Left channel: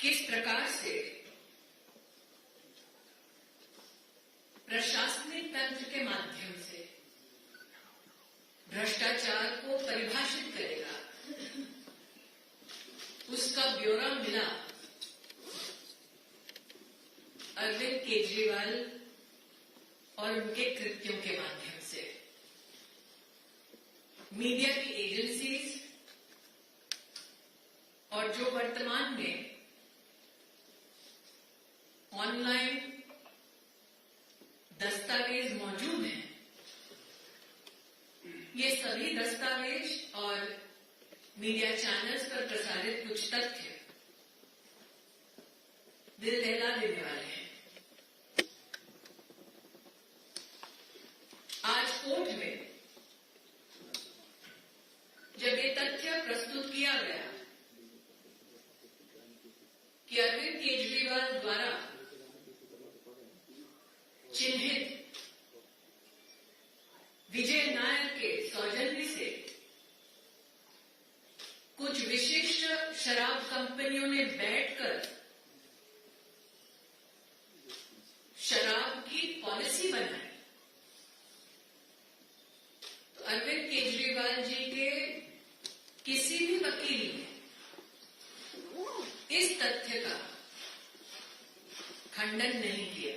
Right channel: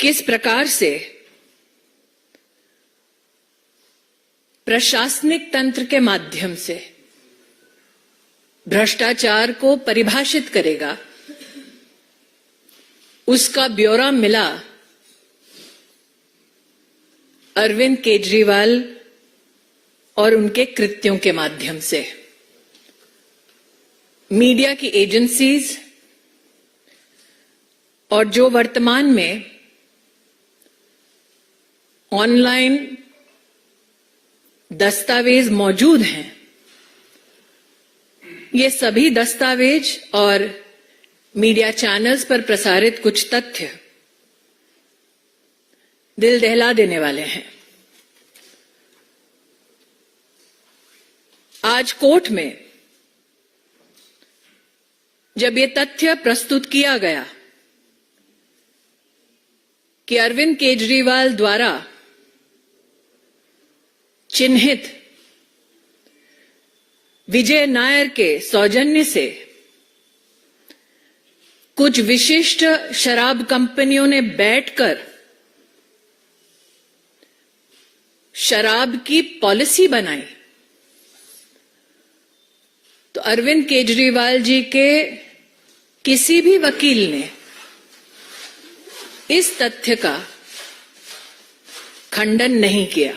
किस प्रकार से प्रशासनिक तंत्र के माध्यम से भ्रष्टाचार को परिभाषित करेगा, उसका ब्यौरा मिला अरविंद केजरीवाल और उनके कृत्यों के माध्यम से। मीडिया की एजेंसीज और जो वर्तमान में ऑनलाइन दस्तावेज मौजूद हैं, ये सभी दस्तावेज और मीडिया चैनल्स पर प्रसारित कुछ तथ्य दिल दहला देने वाले हैं। आज कोर्ट में जब ये तथ्य प्रस्तुत किया गया कि अरविंद केजरीवाल द्वारा चिन्हित विजय नायर के सौजन्य से कुछ विशिष्ट शराब कंपनियों ने बैठकर शराब की पॉलिसी बनाई, तो अरविंद केजरीवाल जी के किसी भी वकील ने इस तथ्य का खंडन नहीं किया।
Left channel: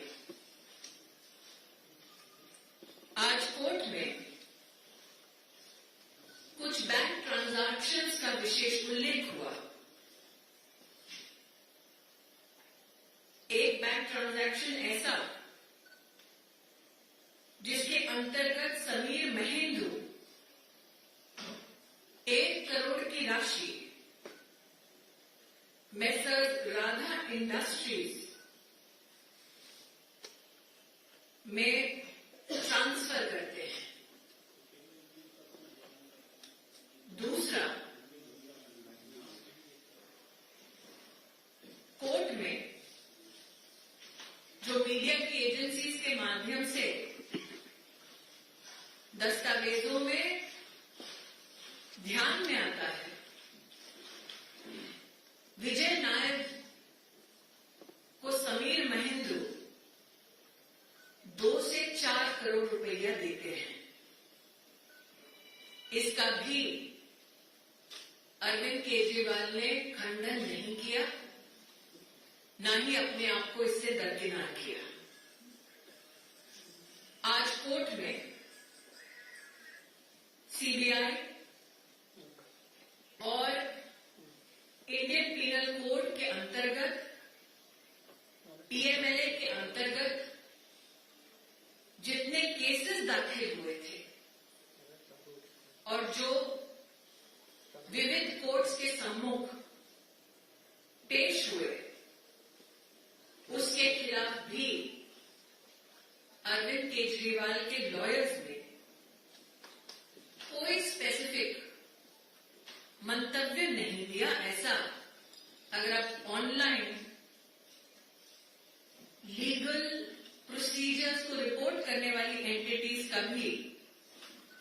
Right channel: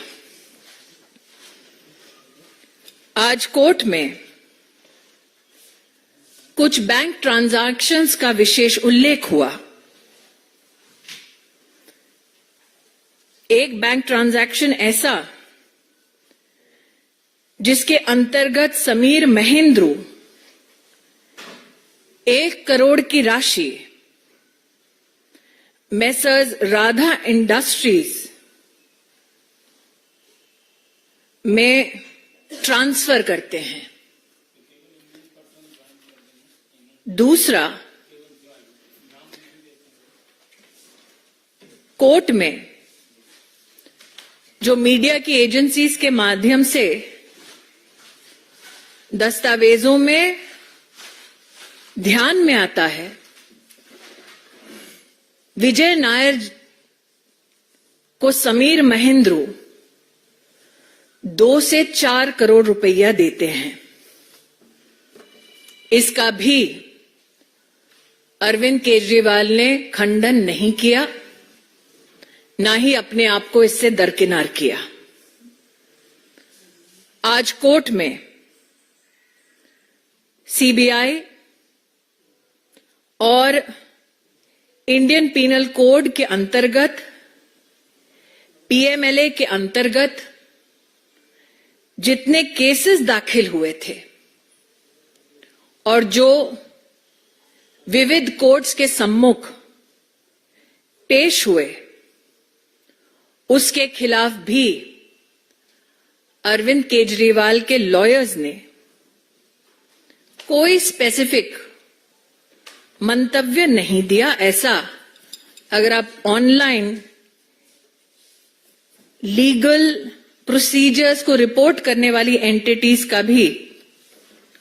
आज कोर्ट में कुछ बैंक ट्रांजैक्शंस का विशेष उल्लेख हुआ। एक बैंक ट्रांजैक्शन ऐसा जिसके अंतर्गत समीर महेंद्रू 1 करोड़ की राशि मेसर्स राधा इंडस्ट्रीज में ट्रांसफर करते हैं। दूसरा, कोर्ट में जो मीडिया की एजेंसीज के माध्यम से दस्तावेजों में ध्यान में आता है, विजय नायर को समीर महेंद्रू 2 से 4 करोड़ रुपया देते हैं। इसका भी अरविंद केजरीवाल ने खंडन नहीं किया, ना ही अपने आप को इससे दरकिनार किया। आज कोर्ट में सीबीआई और इंडियन पीनल कोड के अंतर्गत, पीएमएलए के अंतर्गत जितने केसेस दाखिल हुए थे और जो विविध कोर्ट्स के सम्मुख पेश हुए, उसके खिलाफ भी अरविंद केजरीवाल के लॉयर्स ने कोई स्पेसिफिक मंतव्य नहीं दिया। ऐसा अगर आप ऑनलाइन लीगल प्रोसीजर्स को रिपोर्ट करने वाली एंटिटीज का भी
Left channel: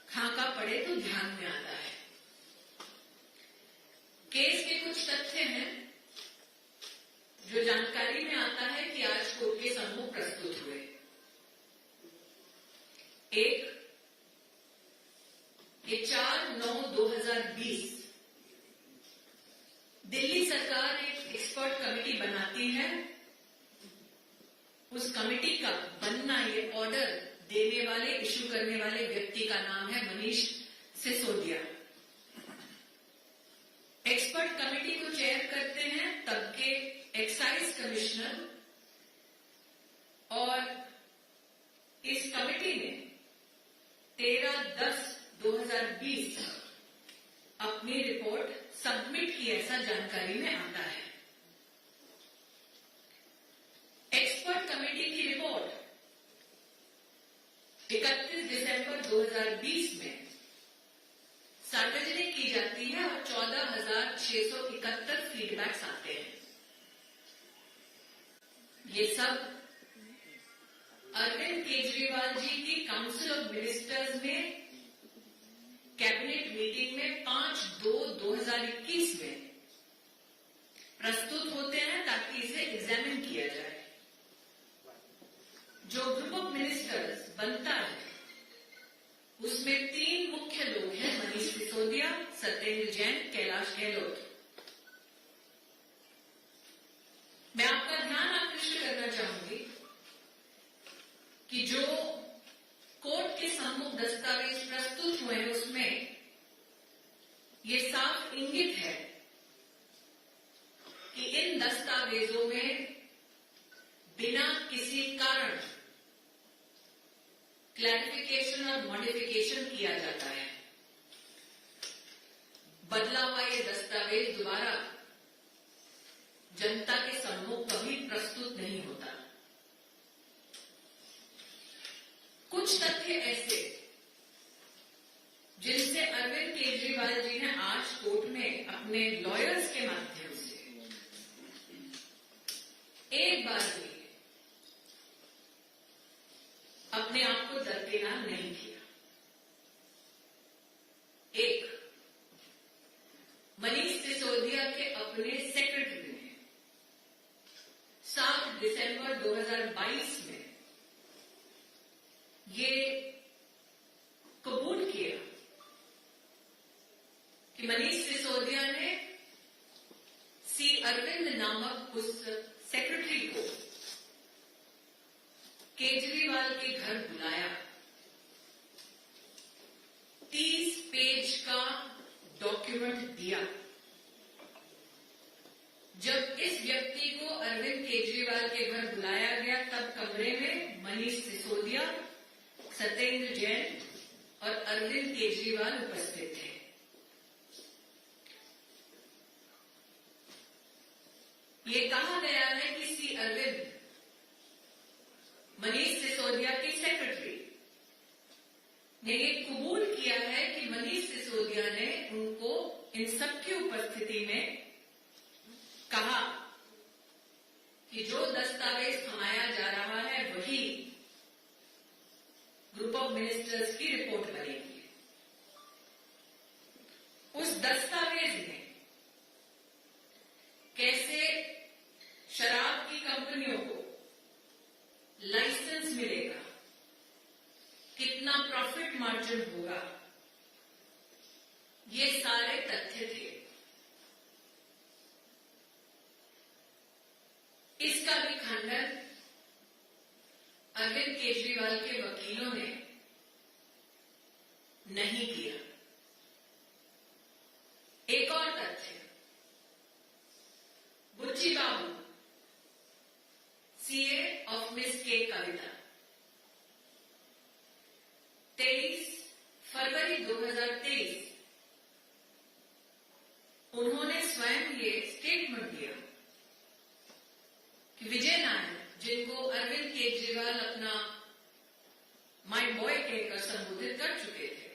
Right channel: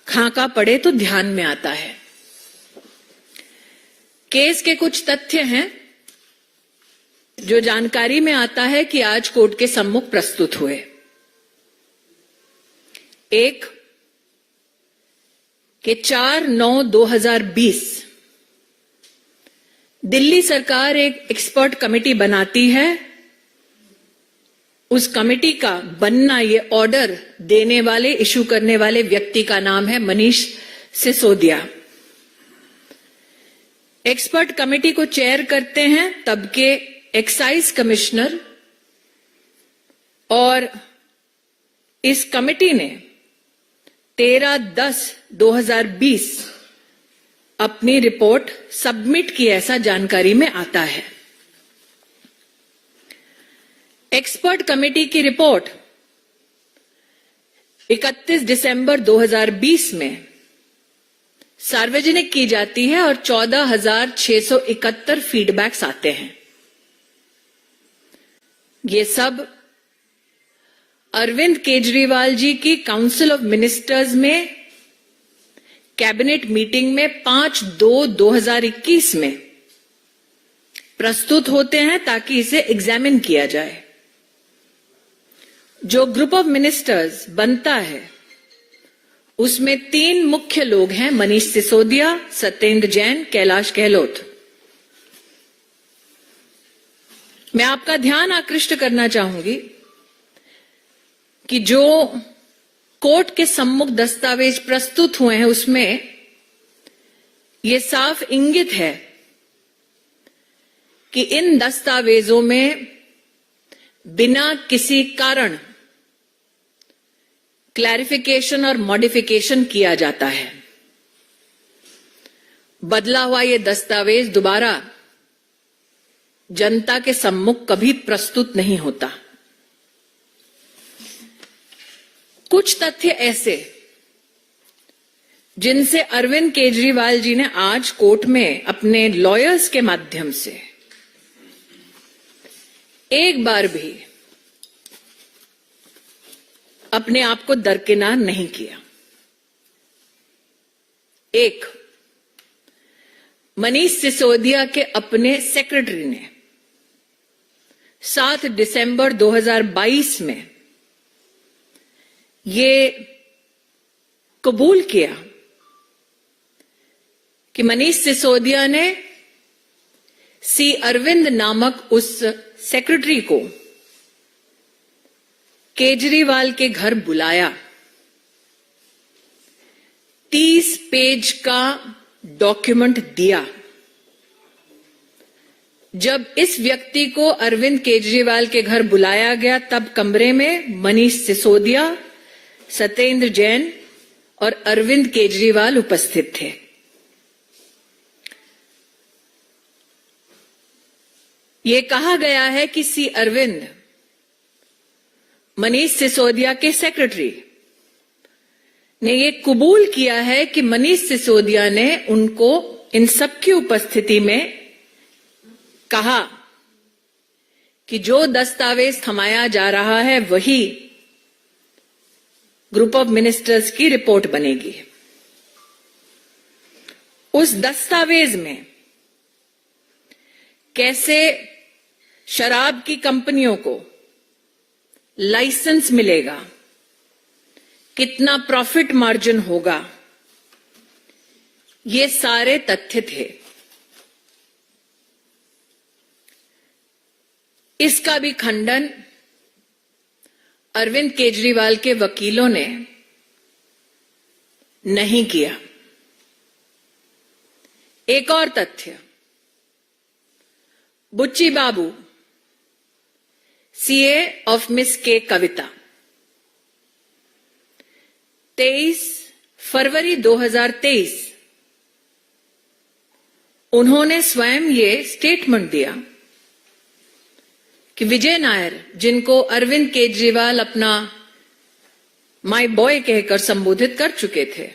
खाका पड़े तो ध्यान में आता है। केस के कुछ तथ्य हैं जो जानकारी में आता है कि आज कोर्ट के सम्मुख प्रस्तुत हुए। एक कि 4/9/2020 दिल्ली सरकार एक एक्सपर्ट कमेटी बनाती है। उस कमेटी का बनना, ये ऑर्डर देने वाले, इशू करने वाले व्यक्ति का नाम है मनीष सिसोदिया। एक्सपर्ट कमेटी को चेयर करते हैं तब के एक्साइज कमिश्नर, और इस कमेटी ने 13/10/2020 अपनी रिपोर्ट सबमिट की, ऐसा जानकारी में आता है। एक्सपर्ट कमेटी की रिपोर्ट 31 दिसंबर 2020 में सार्वजनिक की जाती है और 14,671 फीडबैक्स आते हैं। ये सब अरविंद केजरीवाल जी की काउंसिल ऑफ मिनिस्टर्स में कैबिनेट मीटिंग में 5/2/2021 में प्रस्तुत होते हैं ताकि इसे एग्जामिन किया जाए। जो ग्रुप ऑफ मिनिस्टर्स बनता है उसमें 3 मुख्य लोग हैं, मनीष सिसोदिया, सत्येंद्र जैन, कैलाश गहलोत। मैं आपका ध्यान आकृष्ट करना चाहूंगी कि जो कोर्ट के सम्मुख दस्तावेज प्रस्तुत हुए हैं उसमें यह साफ इंगित है कि इन दस्तावेजों में बिना किसी कारण क्लैरिफिकेशन और मॉडिफिकेशन किया जाता है। बदला हुआ यह दस्तावेज दोबारा जनता के सम्मुख कभी प्रस्तुत नहीं होता। कुछ तथ्य ऐसे जिनसे अरविंद केजरीवाल जी ने आज कोर्ट में अपने लॉयर्स के माध्यम से एक बार भी अपने आप को दरकिनार नहीं किया। एक, मनीष सिसोदिया के अपने सेक्रेटरी ने 7 दिसंबर 2022 में ये कबूल किया कि मनीष सिसोदिया ने सी अरविंद नामक उस सेक्रेटरी को केजरीवाल के घर बुलाया, 30 पेज का डॉक्यूमेंट दिया। जब इस व्यक्ति को अरविंद केजरीवाल के घर बुलाया गया तब कमरे में मनीष सिसोदिया, सत्येंद्र जैन और अरविंद केजरीवाल उपस्थित थे। ये कहा गया है कि सी अरविंद मनीष सिसोदिया के सेक्रेटरी ने ये कबूल किया है कि मनीष सिसोदिया ने उनको इन सबकी उपस्थिति में कहा कि जो दस्तावेज थमाया जा रहा है वही ग्रुप ऑफ मिनिस्टर्स की रिपोर्ट बनेगी। उस दस्तावेज में कैसे शराब की कंपनियों को लाइसेंस मिलेगा, कितना प्रॉफिट मार्जिन होगा, ये सारे तथ्य थे। इसका भी खंडन अरविंद केजरीवाल के वकीलों ने नहीं किया। एक और तथ्य, बुच्ची बाबू सीए ऑफ मिस के कविता 23 फरवरी 2023 उन्होंने स्वयं ये स्टेटमेंट दिया कि विजय नायर, जिनको अरविंद केजरीवाल अपना माय बॉय कहकर संबोधित कर चुके थे,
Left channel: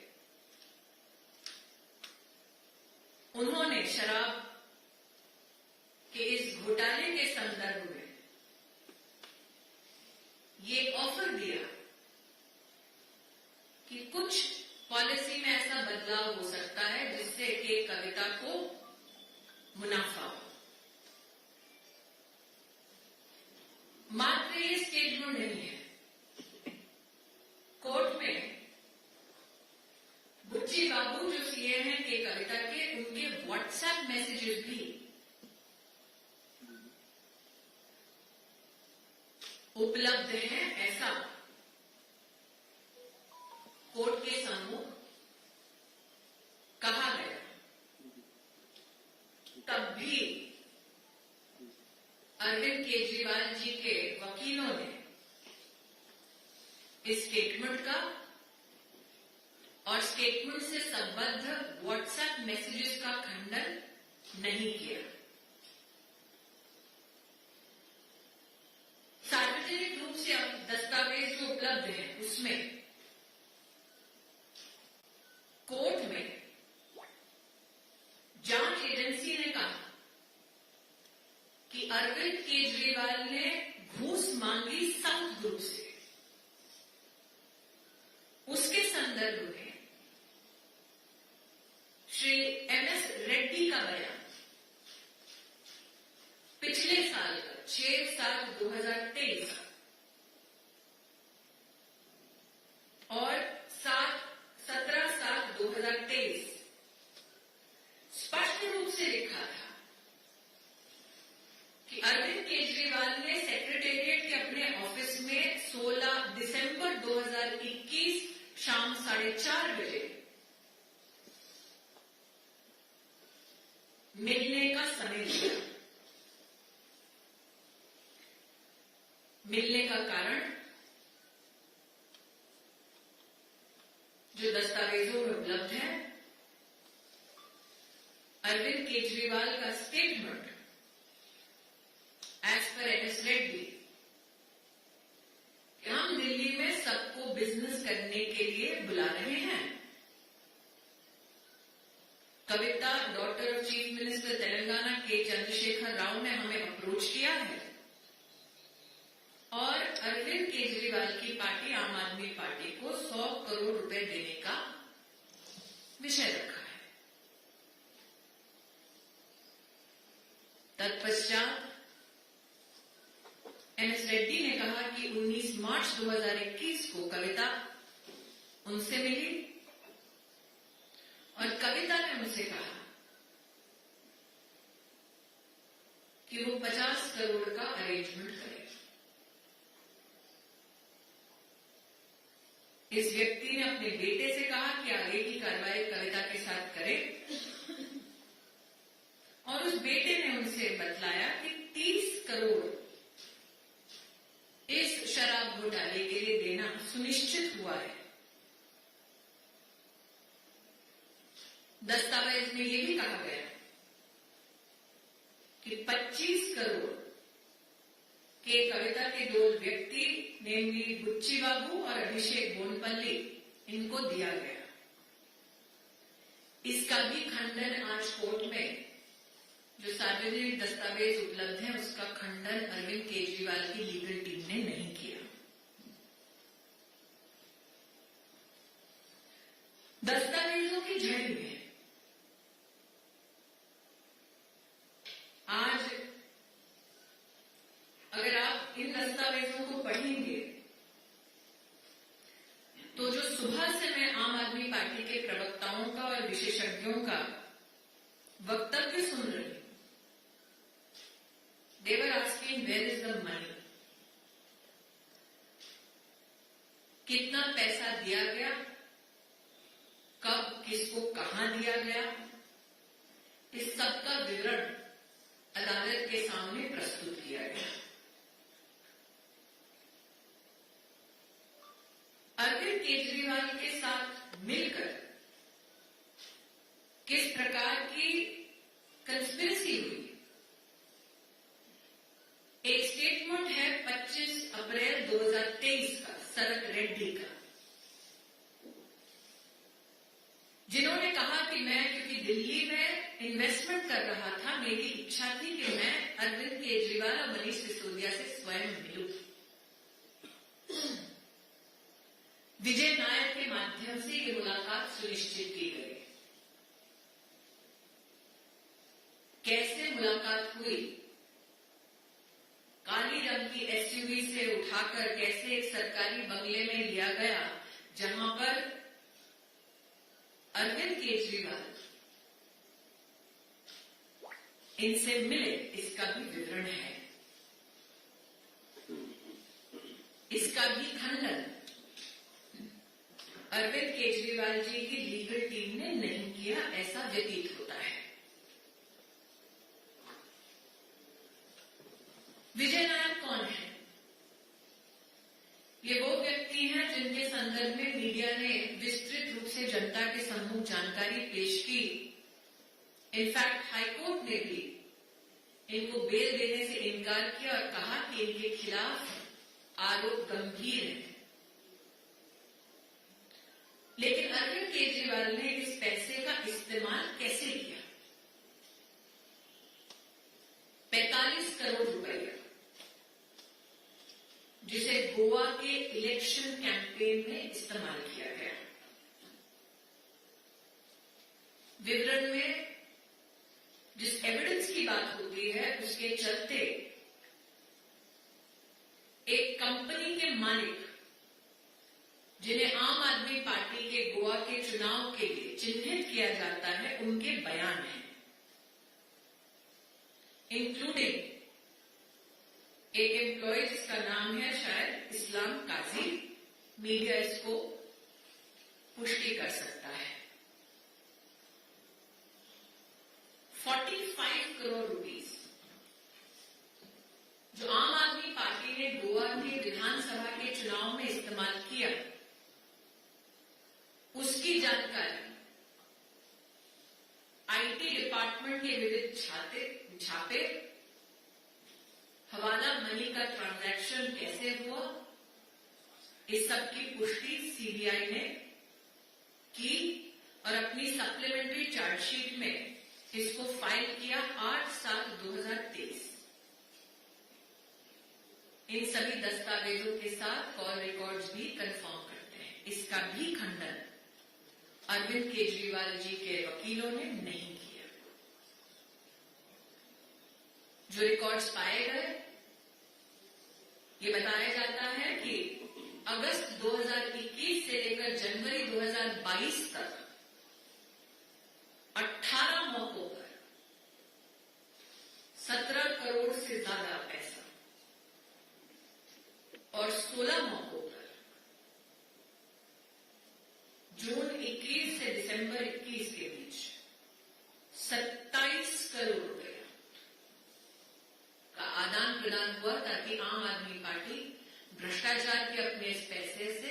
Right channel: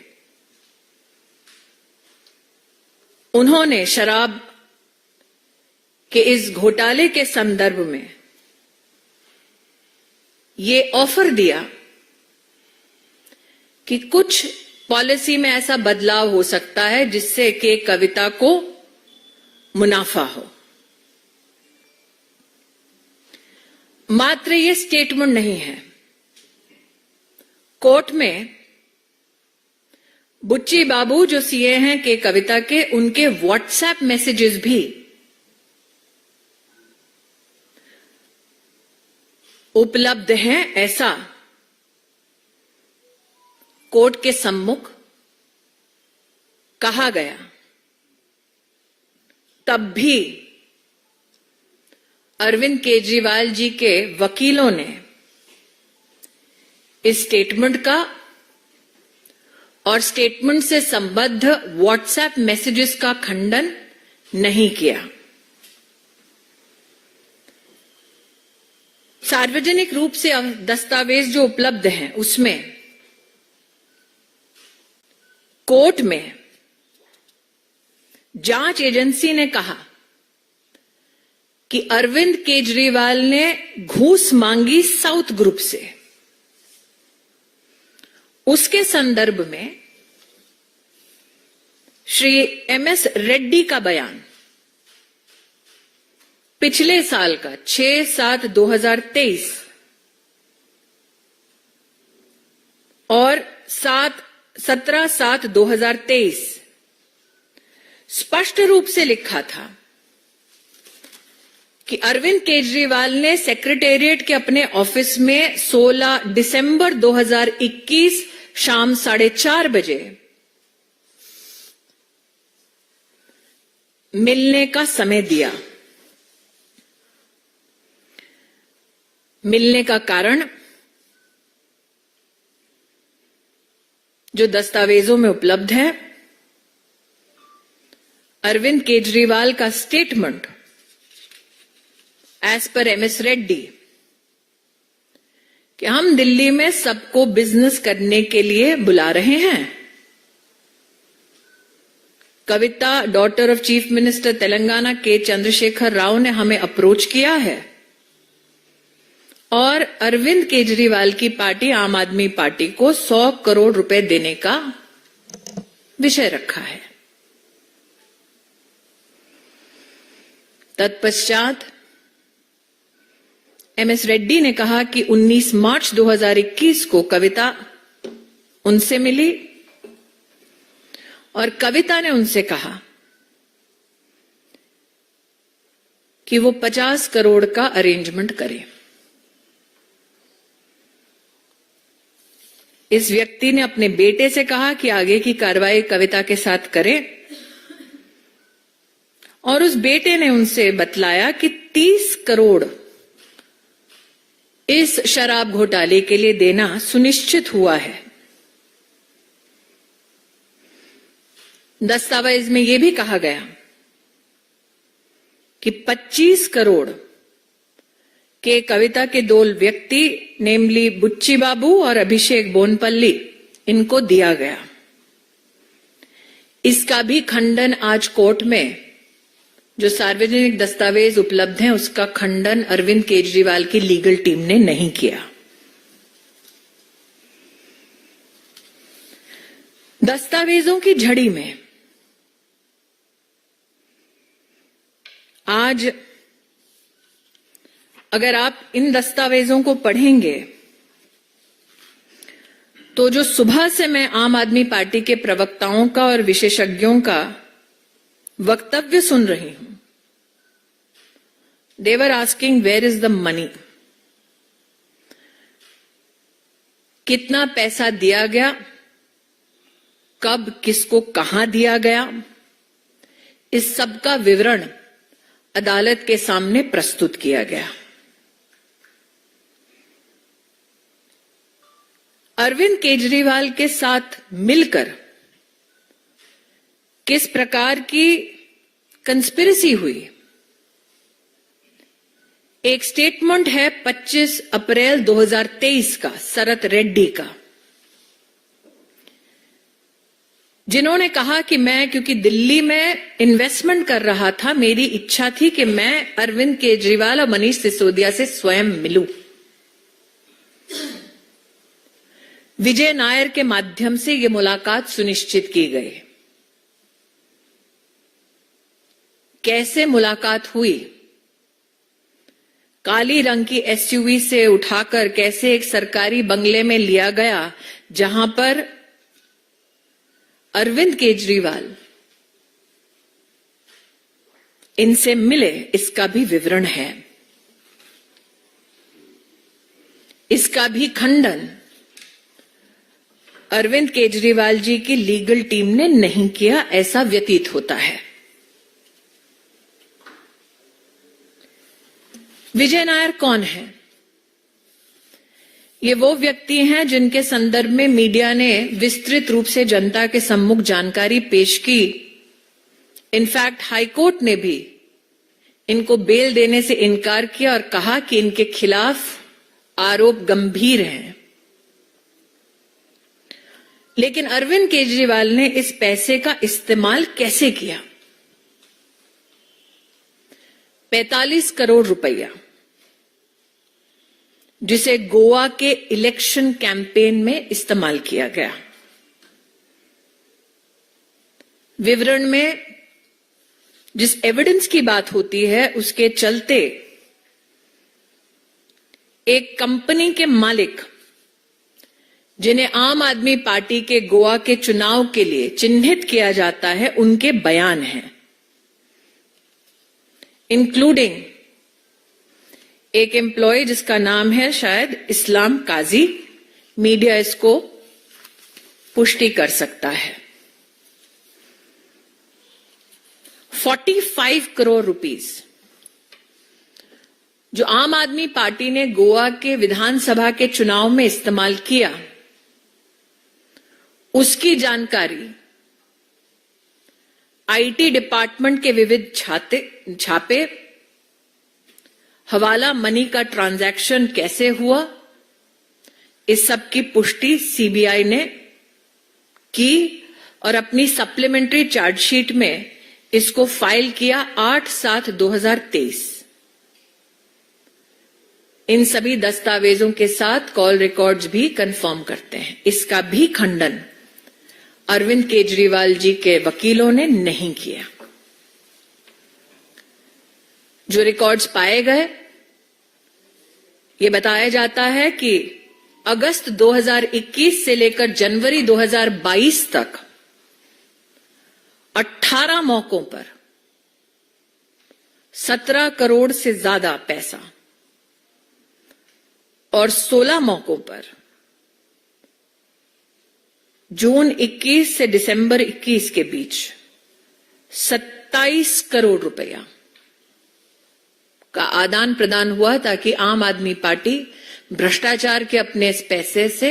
उन्होंने शराब के इस घोटाले के संदर्भ में ये ऑफर दिया कि कुछ पॉलिसी में ऐसा बदलाव हो सकता है जिससे कि कविता को मुनाफा हो। मात्र ये स्टेटमेंट नहीं है, कोर्ट में बुच्ची बाबू जो सीए हैं के कविता के, उनके व्हाट्सएप मैसेजेस भी उपलब्ध हैं, ऐसा कोर्ट के सम्मुख कहा गया। तब भी अरविंद केजरीवाल जी के वकीलों ने इस स्टेटमेंट का और स्टेटमेंट से संबद्ध व्हाट्सएप मैसेजेस का खंडन नहीं किया। सार्वजनिक रूप से दस्तावेज जो उपलब्ध हैं उसमें कोर्ट में जांच एजेंसी ने कहा कि अरविंद केजरीवाल ने घूस मांगी साउथ ग्रुप से। उसके संदर्भ में श्री एमएस रेड्डी का बयान पिछले साल का 6/7/2023 और 17/7/2023 स्पष्ट रूप से लिखा था कि अरविंद केजरीवाल ने सेक्रेटेरिएट के अपने ऑफिस में 16 दिसंबर 2021 शाम 4:30 बजे मिलने का समय दिया। मिलने का कारण जो दस्तावेजों में उपलब्ध है, अरविंद केजरीवाल का statement as per MS Reddy कि हम दिल्ली में सबको बिजनेस करने के लिए बुला रहे हैं। Kavitha, daughter of chief minister Telangana K Chandrashekar Rao ने हमें अप्रोच किया है और अरविंद केजरीवाल की पार्टी आम आदमी पार्टी को 100 करोड़ रुपए देने का विषय रखा है। तत्पश्चात एमएस रेड्डी ने कहा कि 19 मार्च 2021 को कविता उनसे मिली और कविता ने उनसे कहा कि वो 50 करोड़ का अरेंजमेंट करे। इस व्यक्ति ने अपने बेटे से कहा कि आगे की कार्रवाई कविता के साथ करें और उस बेटे ने उनसे बतलाया कि 30 करोड़ इस शराब घोटाले के लिए देना सुनिश्चित हुआ है। दस्तावेज में यह भी कहा गया कि 25 करोड़ के कविता के 2 व्यक्ति नेमली बुच्ची बाबू और अभिषेक बोनपल्ली इनको दिया गया। इसका भी खंडन आज कोर्ट में जो सार्वजनिक दस्तावेज उपलब्ध हैं उसका खंडन अरविंद केजरीवाल की लीगल टीम ने नहीं किया। दस्तावेजों की झड़ी में आज अगर आप इन दस्तावेजों को पढ़ेंगे तो जो सुबह से मैं आम आदमी पार्टी के प्रवक्ताओं का और विशेषज्ञों का वक्तव्य सुन रही हूं, they were asking where is the money? कितना पैसा दिया गया, कब किसको कहां दिया गया, इस सब का विवरण अदालत के सामने प्रस्तुत किया गया। अरविंद केजरीवाल के साथ मिलकर किस प्रकार की कंस्पिरेसी हुई, एक स्टेटमेंट है 25 अप्रैल 2023 का शरत रेड्डी का, जिन्होंने कहा कि मैं क्योंकि दिल्ली में इन्वेस्टमेंट कर रहा था, मेरी इच्छा थी कि मैं अरविंद केजरीवाल और मनीष सिसोदिया से स्वयं मिलूं। विजय नायर के माध्यम से यह मुलाकात सुनिश्चित की गई। कैसे मुलाकात हुई? काली रंग की एसयूवी से उठाकर कैसे एक सरकारी बंगले में लिया गया जहां पर अरविंद केजरीवाल इनसे मिले, इसका भी विवरण है। इसका भी खंडन अरविंद केजरीवाल जी की लीगल टीम ने नहीं किया, ऐसा व्यतीत होता है। विजय नायर कौन है? ये वो व्यक्ति हैं जिनके संदर्भ में मीडिया ने विस्तृत रूप से जनता के सम्मुख जानकारी पेश की। इनफैक्ट हाईकोर्ट ने भी इनको बेल देने से इनकार किया और कहा कि इनके खिलाफ आरोप गंभीर हैं। लेकिन अरविंद केजरीवाल ने इस पैसे का इस्तेमाल कैसे किया? 45 करोड़ रुपया, जिसे गोवा के इलेक्शन कैंपेन में इस्तेमाल किया गया। विवरण में जिस एविडेंस की बात होती है उसके चलते एक कंपनी के मालिक, जिन्हें आम आदमी पार्टी के गोवा के चुनाव के लिए चिन्हित किया जाता है, उनके बयान हैं, इंक्लूडिंग एक एम्प्लॉय जिसका नाम है शायद इस्लाम काजी। मीडिया इसको पुष्टि कर सकता है। 45 करोड़ रुपीस जो आम आदमी पार्टी ने गोवा के विधानसभा के चुनाव में इस्तेमाल किया, उसकी जानकारी आईटी डिपार्टमेंट के विविध छापे, हवाला मनी का ट्रांजैक्शन कैसे हुआ, इस सब की पुष्टि सीबीआई ने की और अपनी सप्लीमेंट्री चार्जशीट में इसको फाइल किया 8/7/2023। इन सभी दस्तावेजों के साथ कॉल रिकॉर्ड्स भी कंफर्म करते हैं। इसका भी खंडन अरविंद केजरीवाल जी के वकीलों ने नहीं किया। जो रिकॉर्ड्स पाए गए, ये बताया जाता है कि अगस्त 2021 से लेकर जनवरी 2022 तक 18 मौकों पर 17 करोड़ से ज्यादा पैसा और 16 मौकों पर जून 21 से दिसंबर 21 के बीच 27 करोड़ रुपया का आदान प्रदान हुआ, ताकि आम आदमी पार्टी भ्रष्टाचार के अपने इस पैसे से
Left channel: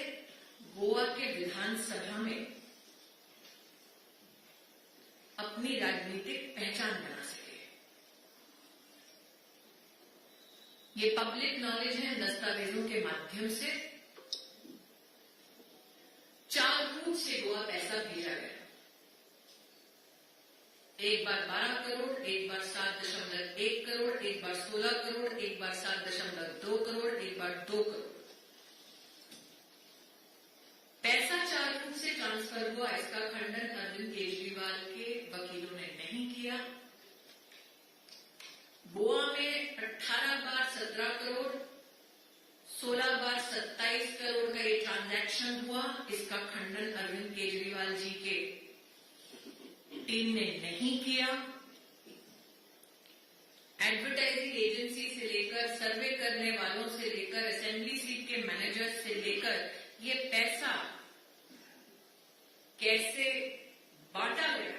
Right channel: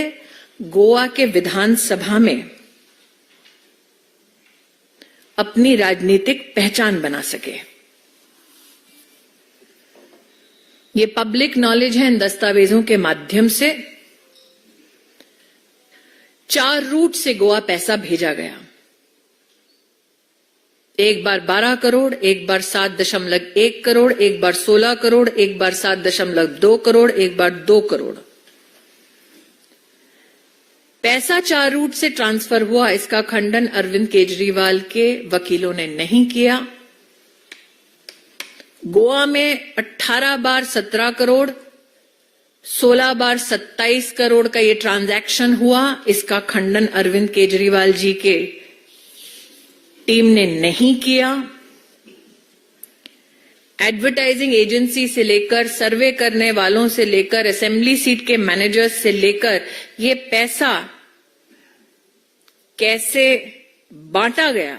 गोवा के विधानसभा में अपनी राजनीतिक पहचान बना सके। ये पब्लिक नॉलेज है। इन दस्तावेजों के माध्यम से 4 रूट से गोवा पैसा भेजा गया। एक बार 12 करोड़, एक बार 7.1 करोड़, एक बार 16 करोड़, एक बार 7.2 करोड़, एक बार 2 करोड़। पैसा 4 रूट से ट्रांसफर हुआ, इसका खंडन अरविंद केजरीवाल के वकीलों ने नहीं किया। गोवा में 18 बार 17 करोड़, 16 बार 27 करोड़ का ये ट्रांजैक्शन हुआ, इसका खंडन अरविंद केजरीवाल जी के टीम ने नहीं किया। एडवर्टाइजिंग एजेंसी से लेकर, सर्वे करने वालों से लेकर, असेंबली सीट के मैनेजर्स से लेकर ये पैसा कैसे बांटा गया,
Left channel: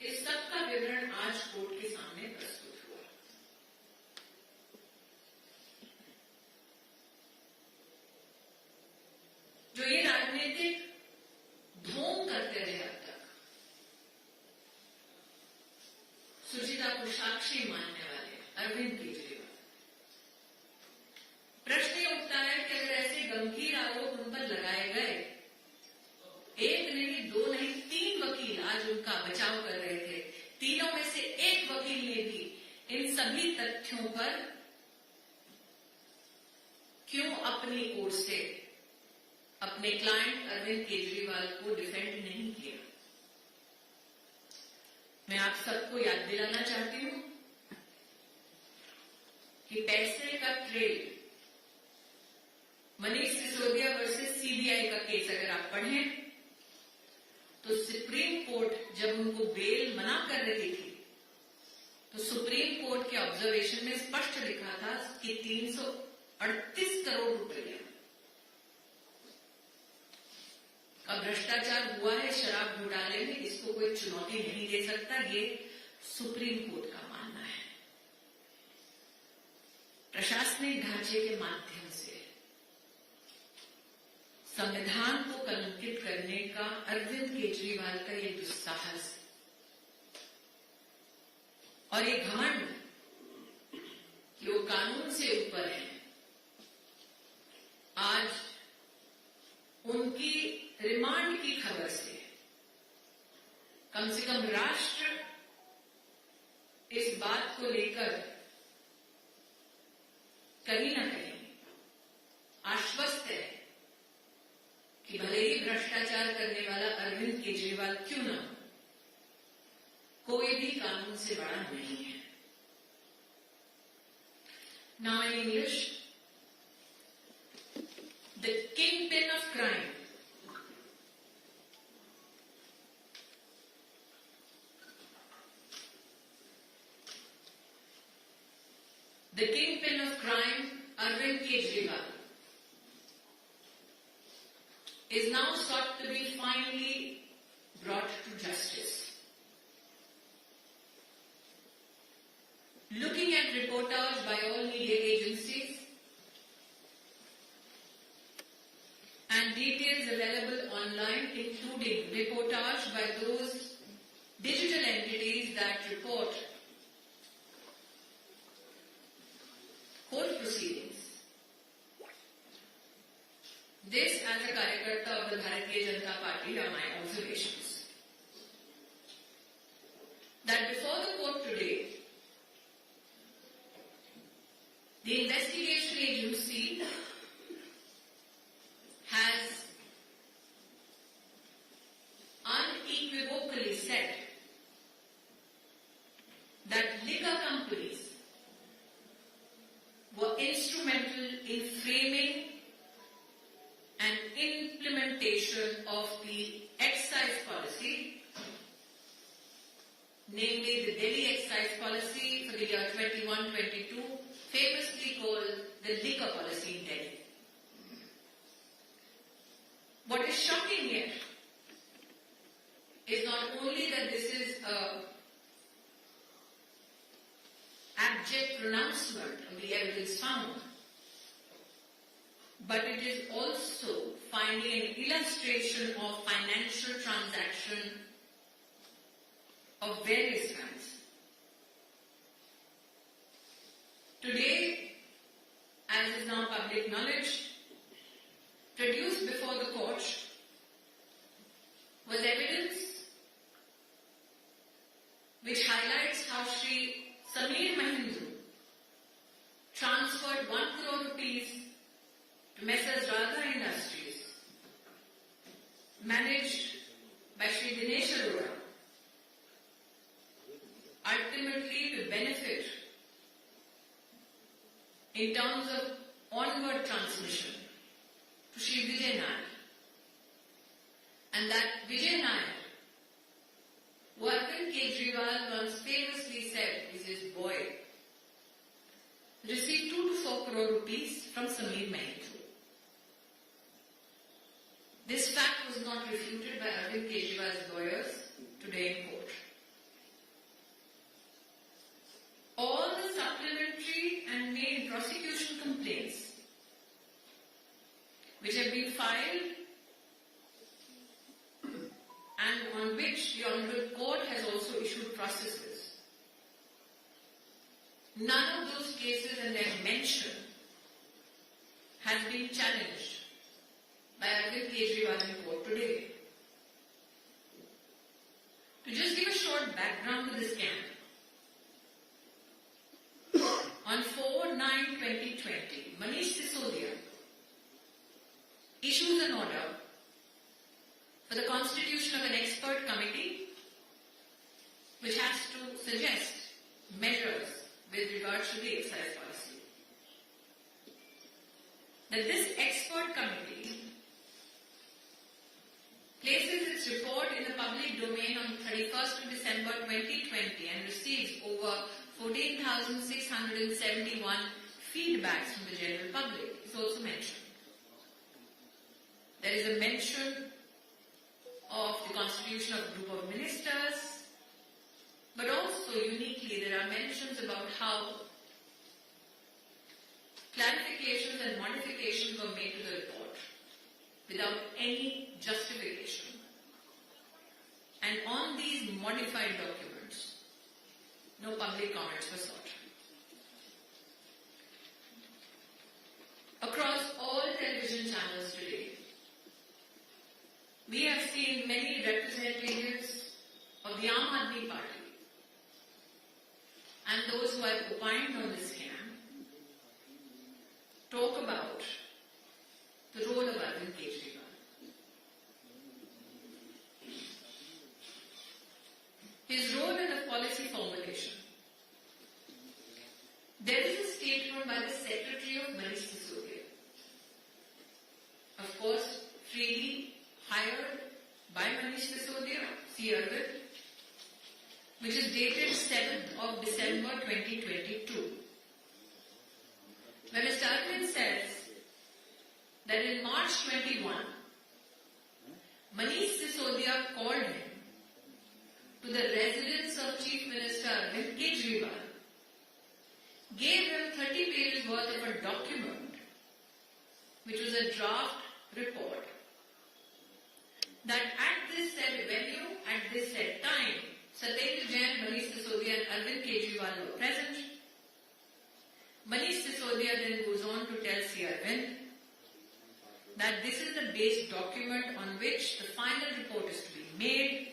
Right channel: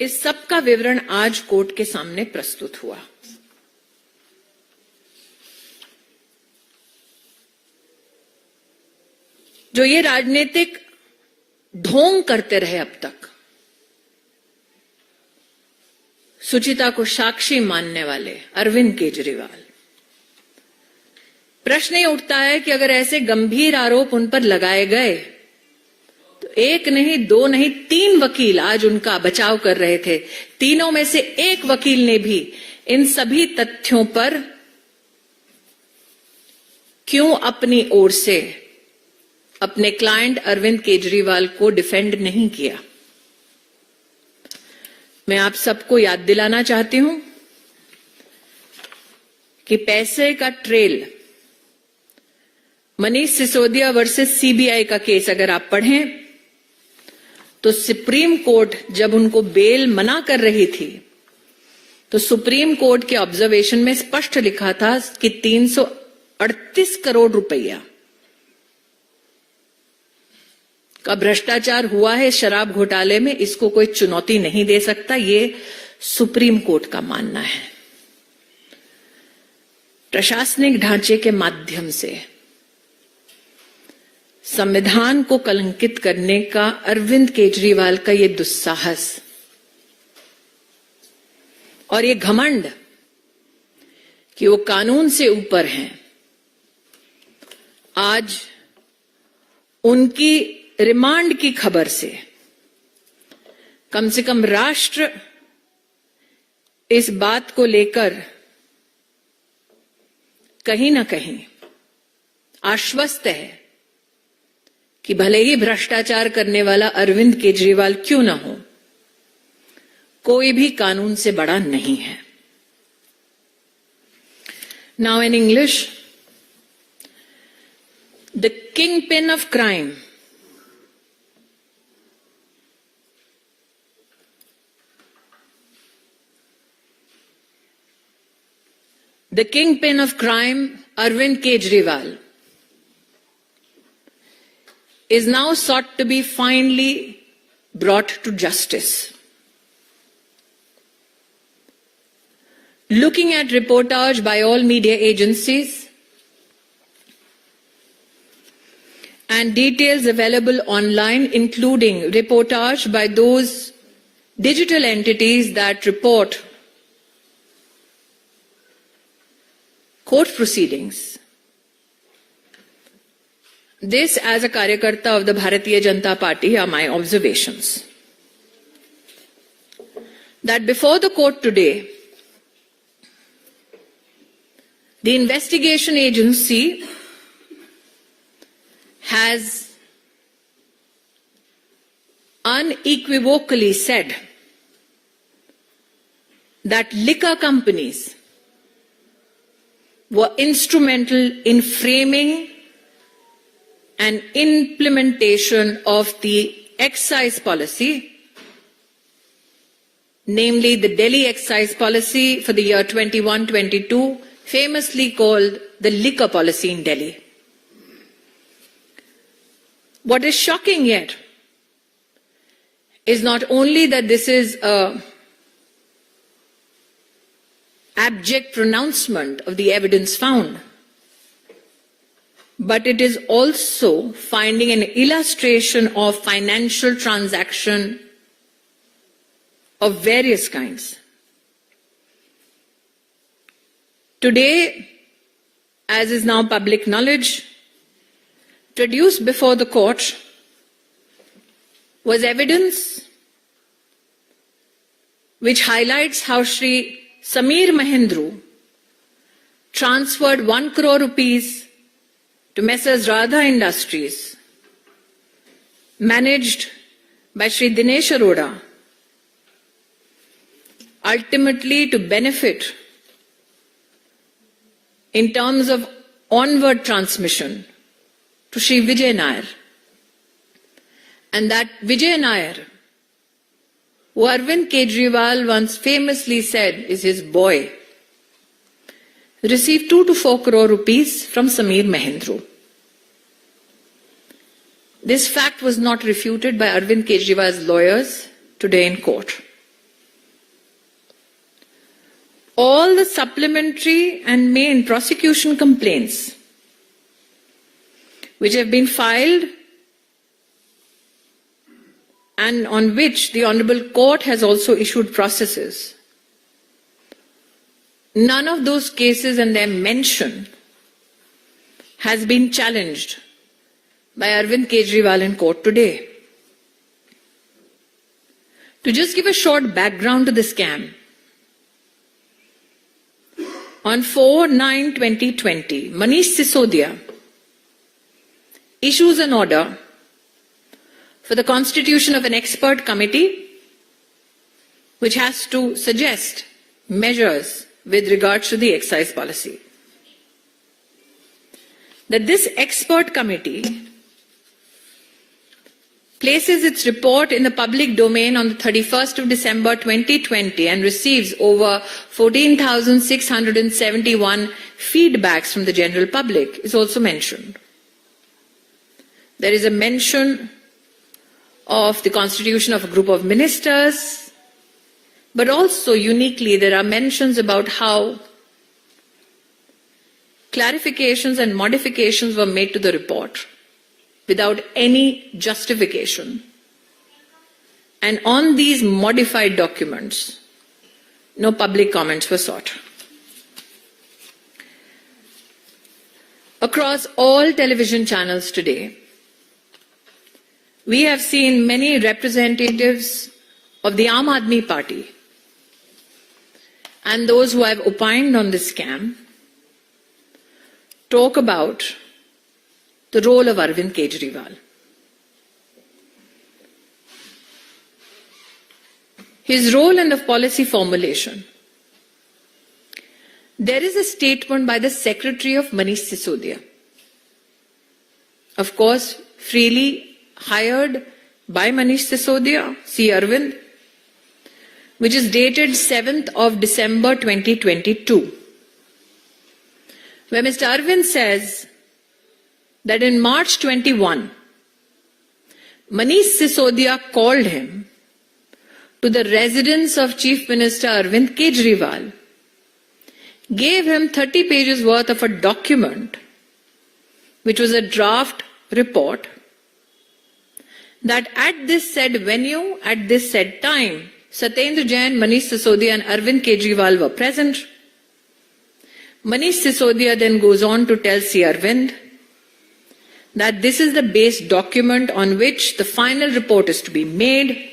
इस सब का विवरण आज कोर्ट के सामने प्रस्तुत हुआ। जो ये राजनीतिक ढोंग करते रहे अब तक, सुचिता को साक्षी मानने वाले अरविंद केजरीवाल, प्रश्न ये उठता है कि अगर ऐसे गंभीर आरोप उन पर लगाए गए तो एक नहीं, 2 नहीं, 3 वकील आज उनका बचाव कर रहे थे। तीनों में से एक वकील ने भी इन सभी तथ्यों पर क्यों अपनी ओर से अपने क्लाइंट अरविंद केजरीवाल को डिफेंड नहीं किया। मैं आप सबको याद दिलाना चाहती हूं कि पैसे का trail, Manish Sisodia versus CBI का केस अगर आप पढ़ें तो सुप्रीम कोर्ट जब उनको बेल मना कर रही थी तो सुप्रीम कोर्ट के ऑब्जर्वेशन में स्पष्ट लिखा था कि 338 करोड़ रुपया का भ्रष्टाचार हुआ है शराब घोटाले में, इसको कोई चुनौती नहीं दे सकता। ये सुप्रीम कोर्ट का मानना है। प्रशासनिक ढांचे के माध्यम से संविधान को कलंकित करने का अरविंद केजरीवाल का ये दुस्साहस और ये घमंड कि वो कानून से ऊपर हैं, आज उनकी रिमांड की खबर से कम से कम राष्ट्र इस बात को लेकर कहीं ना कहीं आश्वस्त है कि भले ही भ्रष्टाचार करने वाला अरविंद केजरीवाल क्यों ना हो, कोई भी कानून से बड़ा नहीं है. Now in English, the kingpin of crime Arvind Kejriwal, is now sought to be finally brought to justice. Looking at reportage by all media agencies and details available online, including reportage by those digital entities that report court proceedings. This, as a Karyakarta of the Bharatiya Janata Party, are my observations. That before the court today, the investigation agency has unequivocally said that liquor companies were instrumental in framing and implementation of the excise policy, namely the Delhi excise policy for the year 21-22, famously called the liquor policy in Delhi. What is shocking yet is not only that this is an abject pronouncement of the evidence found, but it is also finding an illustration of financial transaction of various kinds. Today, as is now public knowledge, produced before the court was evidence which highlights how Shri Sameer Mahendru transferred 1 crore rupees to Messrs. Radha Industries, managed by Shri Dinesh Arora, ultimately to benefit in terms of onward transmission to Shri Vijay Nair. And that Vijay Nair, who Arvind Kejriwal once famously said is his boy, received 2 to 4 crore rupees from Sameer Mahendru. This fact was not refuted by Arvind Kejriwal's lawyers today in court. All the supplementary and main prosecution complaints which have been filed and on which the Honorable Court has also issued processes, none of those cases and their mention has been challenged by Arvind Kejriwal in court today. To just give a short background to the scam, on 4/9/2020, Manish Sisodia issues an order for the constitution of an expert committee which has to suggest measures with regards to the excise policy. That this expert committee places its report in the public domain on the 31st of December 2020 and receives over 14,671 feedbacks from the general public is also mentioned. There is a mention of the constitution of a group of ministers, but also uniquely there are mentions about how clarifications and modifications were made to the report without any justification. And on these modified documents, no public comments were sought. Across all television channels today, we have seen many representatives of the Aam Aadmi Party and those who have opined on this scam talk about the role of Arvind Kejriwal. his role in the policy formulation. There is a statement by the Secretary of Manish Sisodia, of course, freely hired by Manish Sisodia, C. Arvind, which is dated 7th of December 2022, where Mr. Arvind says that in March 21, Manish Sisodia called him to the residence of Chief Minister Arvind Kejriwal, gave him 30 pages worth of a document, which was a draft report, that at this said venue, at this said time, Satyendra Jain, Manish Sisodia and Arvind Kejriwal were present. Manish Sisodia then goes on to tell C. Arvind that this is the base document on which the final report is to be made.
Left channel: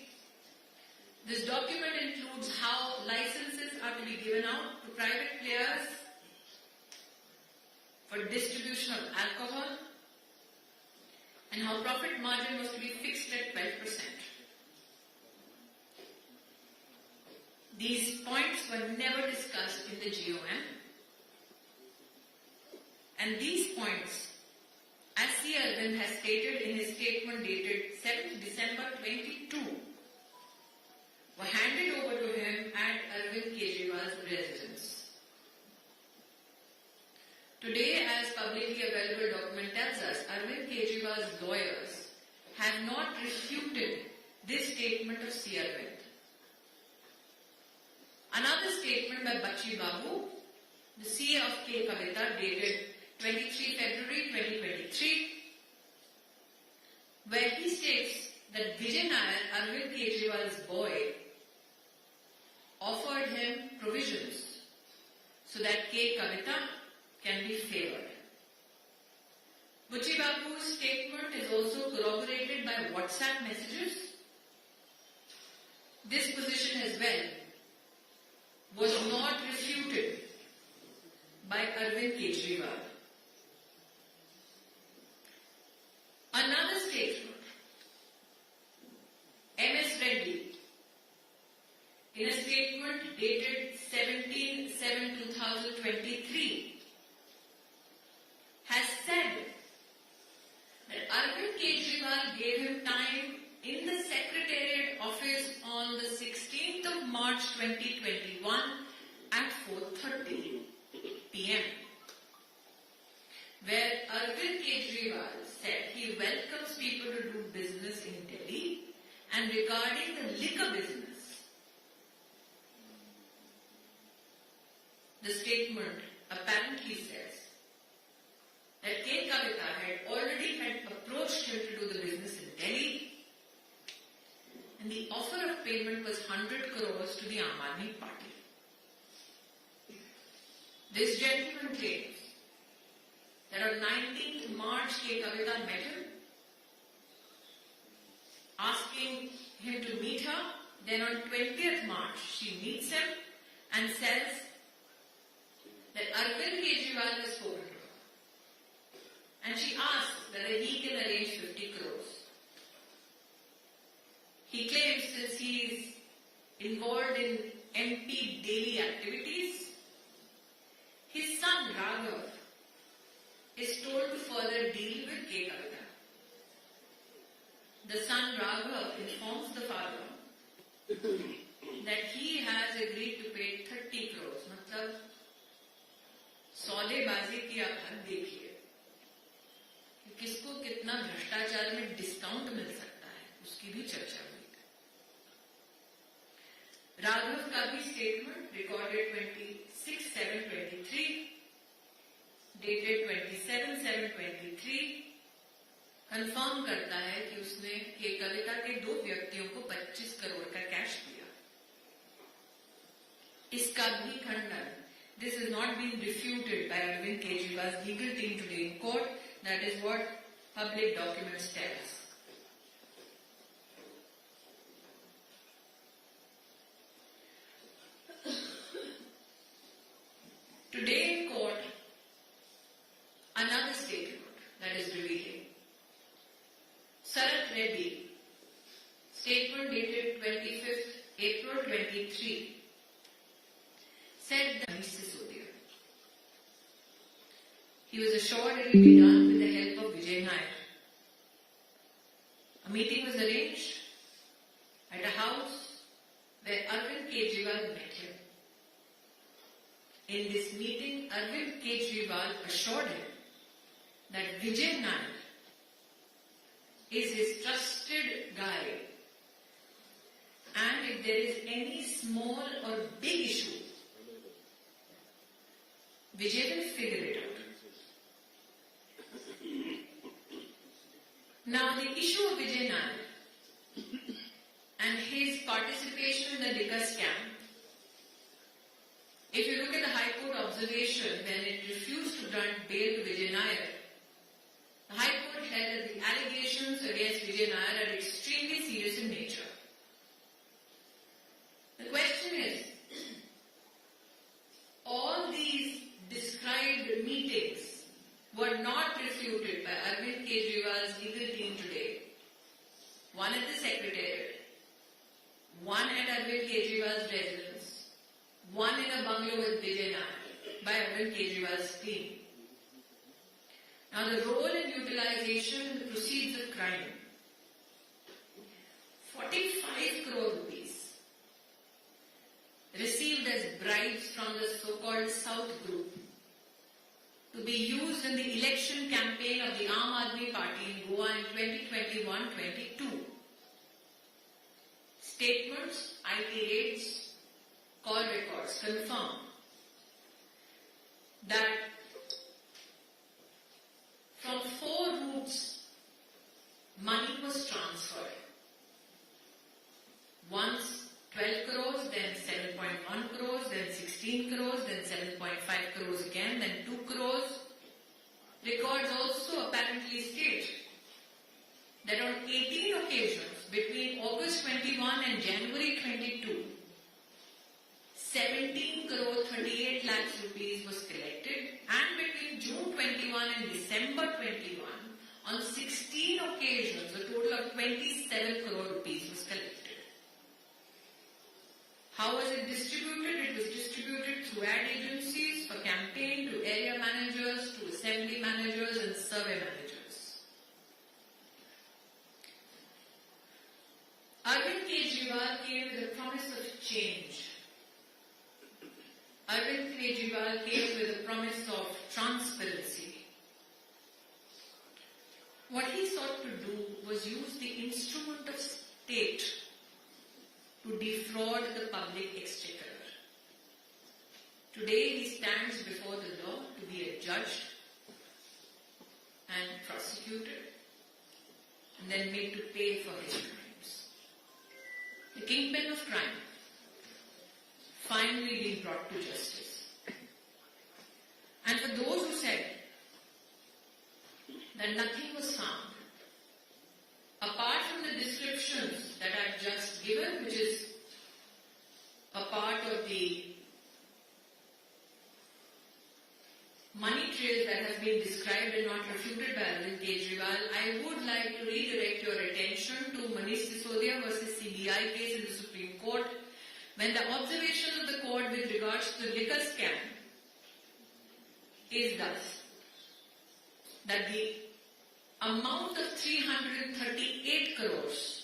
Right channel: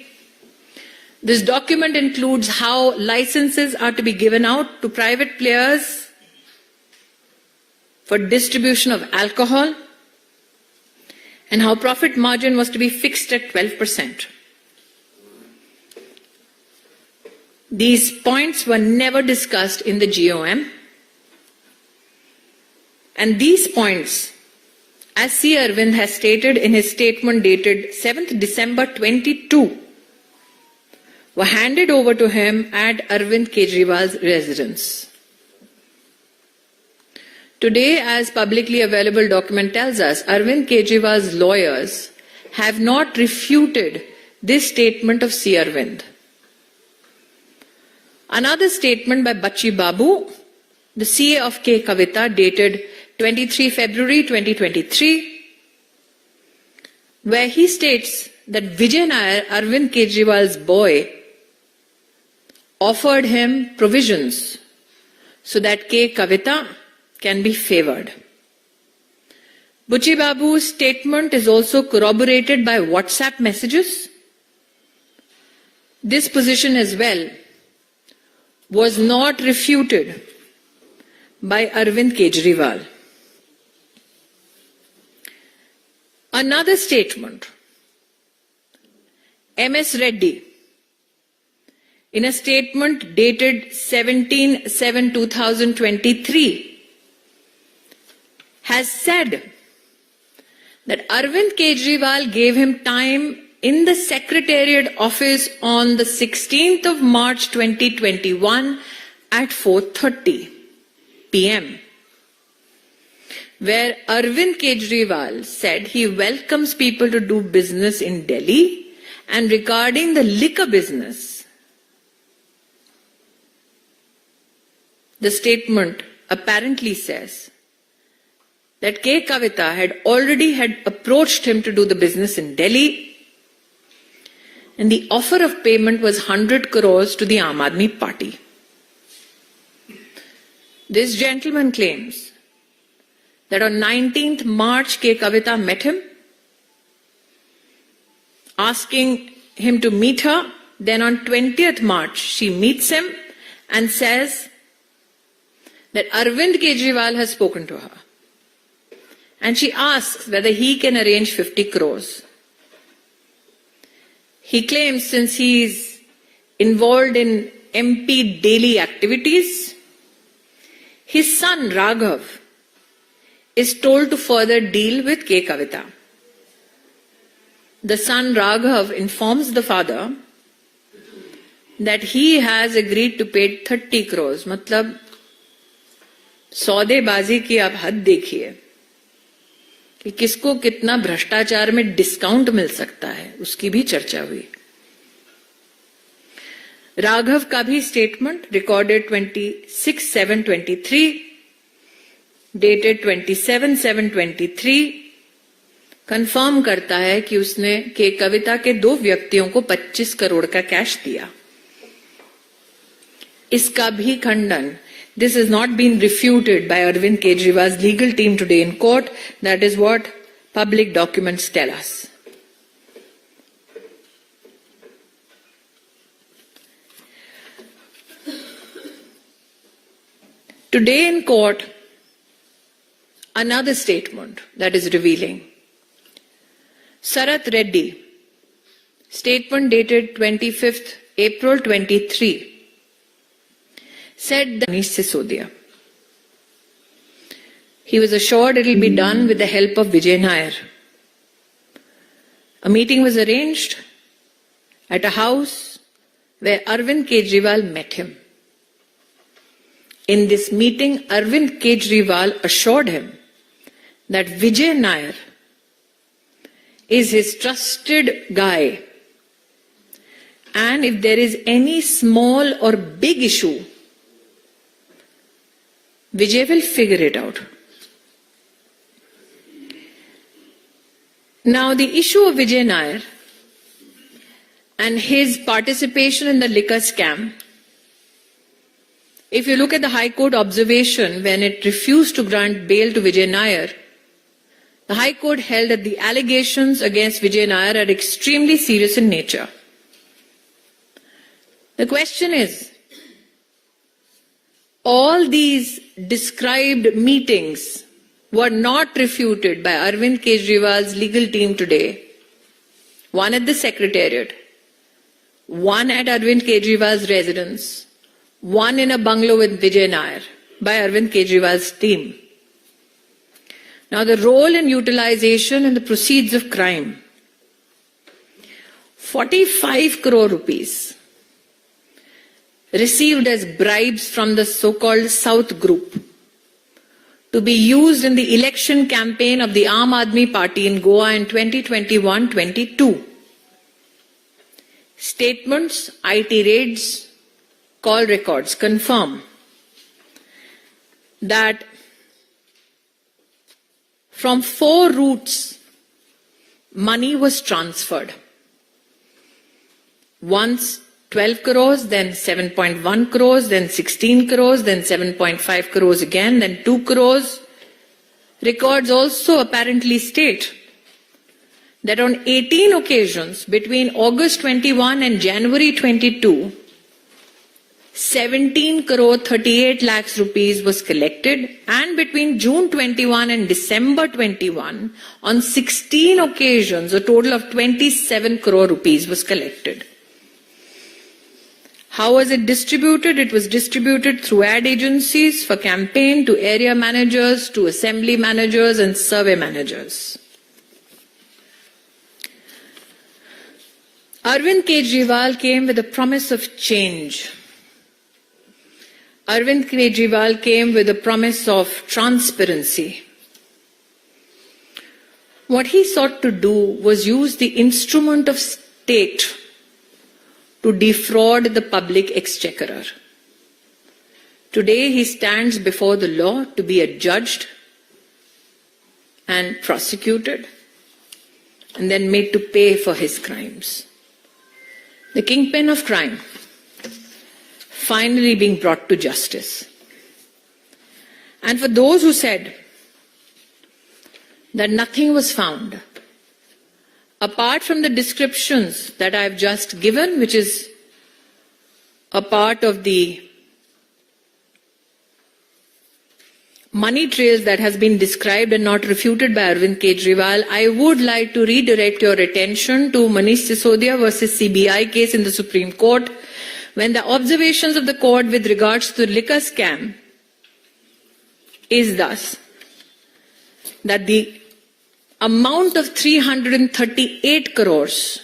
This document includes how licenses are to be given out to private players for distribution of alcohol and how profit margin was to be fixed at 12%. These points were never discussed in the GOM, and these points, as C. Arvind has stated in his statement dated 7th December 22, were handed over to him at Arvind Kejriwal's residence. Today, as publicly available document tells us, Arvind Kejriwal's lawyers have not refuted this statement of C. Arvind. Another statement by Bachi Babu, the CA of K. Kavita, dated 23 February 2023, where he states that Vijay Nair, Arvind Kejriwal's boy, offered him provisions so that K. Kavita can be favored. Bachi Babu's statement is also corroborated by WhatsApp messages. This position as well was not refuted by Arvind Kejriwal. Another statement, MS Reddy, in a statement dated 17/7/2023, has said that Arvind Kejriwal gave him time in the Secretariat office on the 16th of March 2021 at 4:30 p.m., where Arvind Kejriwal said he welcomes people to do business in Delhi, and regarding the liquor business, the statement apparently says that K. Kavita had already approached him to do the business in Delhi, and the offer of payment was 100 crores to the Aam Aadmi Party. This gentleman claims that on 19th March, K. Kavita met him, asking him to meet her. Then on 20th March, she meets him and says that Arvind Kejriwal has spoken to her. And she asks whether he can arrange 50 crores. He claims since he is involved in MP daily activities, his son Raghav is told to further deal with K. Kavita. The son Raghav informs the father that he has agreed to pay 30 crores. मतलब सौदेबाजी की आप हद देखिए कि किसको कितना भ्रष्टाचार में डिस्काउंट मिल सकता है, उसकी भी चर्चा हुई. राघव का भी स्टेटमेंट रिकॉर्डेड 26/7/23 डेटेड 27/7/23 कंफर्म करता है कि उसने के कविता के 2 व्यक्तियों को 25 करोड़ का कैश दिया. इसका भी खंडन, this has not been refuted by Arvind Kejriwal's legal team today in court. That is what public documents tell us. Today in court, another statement that is revealing. Sarath Reddy, statement dated 25th April 23, said that Manish Sisodia. He was assured it will be done with the help of Vijay Nair. A meeting was arranged at a house where Arvind Kejriwal met him. In this meeting, Arvind Kejriwal assured him that Vijay Nair is his trusted guy, and if there is any small or big issue, Vijay will figure it out. Now, the issue of Vijay Nair and his participation in the liquor scam, if you look at the High Court observation when it refused to grant bail to Vijay Nair, the High Court held that the allegations against Vijay Nair are extremely serious in nature. The question is, all these described meetings were not refuted by Arvind Kejriwal's legal team today. One at the Secretariat, one at Arvind Kejriwal's residence, one in a bungalow with Vijay Nair by Arvind Kejriwal's team. Now, the role and utilization and the proceeds of crime. 45 crore rupees received as bribes from the so-called South Group to be used in the election campaign of the Aam Aadmi Party in Goa in 2021-22. Statements, IT raids, call records confirm that from 4 routes, money was transferred. Once 12 crores, then 7.1 crores, then 16 crores, then 7.5 crores again, then 2 crores. Records also apparently state that on 18 occasions between August 21 and January 22, 17 crore 38 lakhs rupees was collected, and between June 21 and December 21, on 16 occasions, a total of 27 crore rupees was collected. How was it distributed? It was distributed through ad agencies for campaign to area managers, to assembly managers and survey managers. Arvind Kejriwal came with a promise of change. Arvind Kejriwal came with a promise of transparency. What he sought to do was use the instrument of state to defraud the public exchequer. Today he stands before the law to be adjudged and prosecuted and then made to pay for his crimes. The kingpin of crime finally being brought to justice. And for those who said that nothing was found, apart from the descriptions that I've just given, which is a part of the money trails that has been described and not refuted by Arvind Kejriwal, I would like to redirect your attention to Manish Sisodia versus CBI case in the Supreme Court, when the observations of the court with regards to the liquor scam is thus that the amount of 338 crores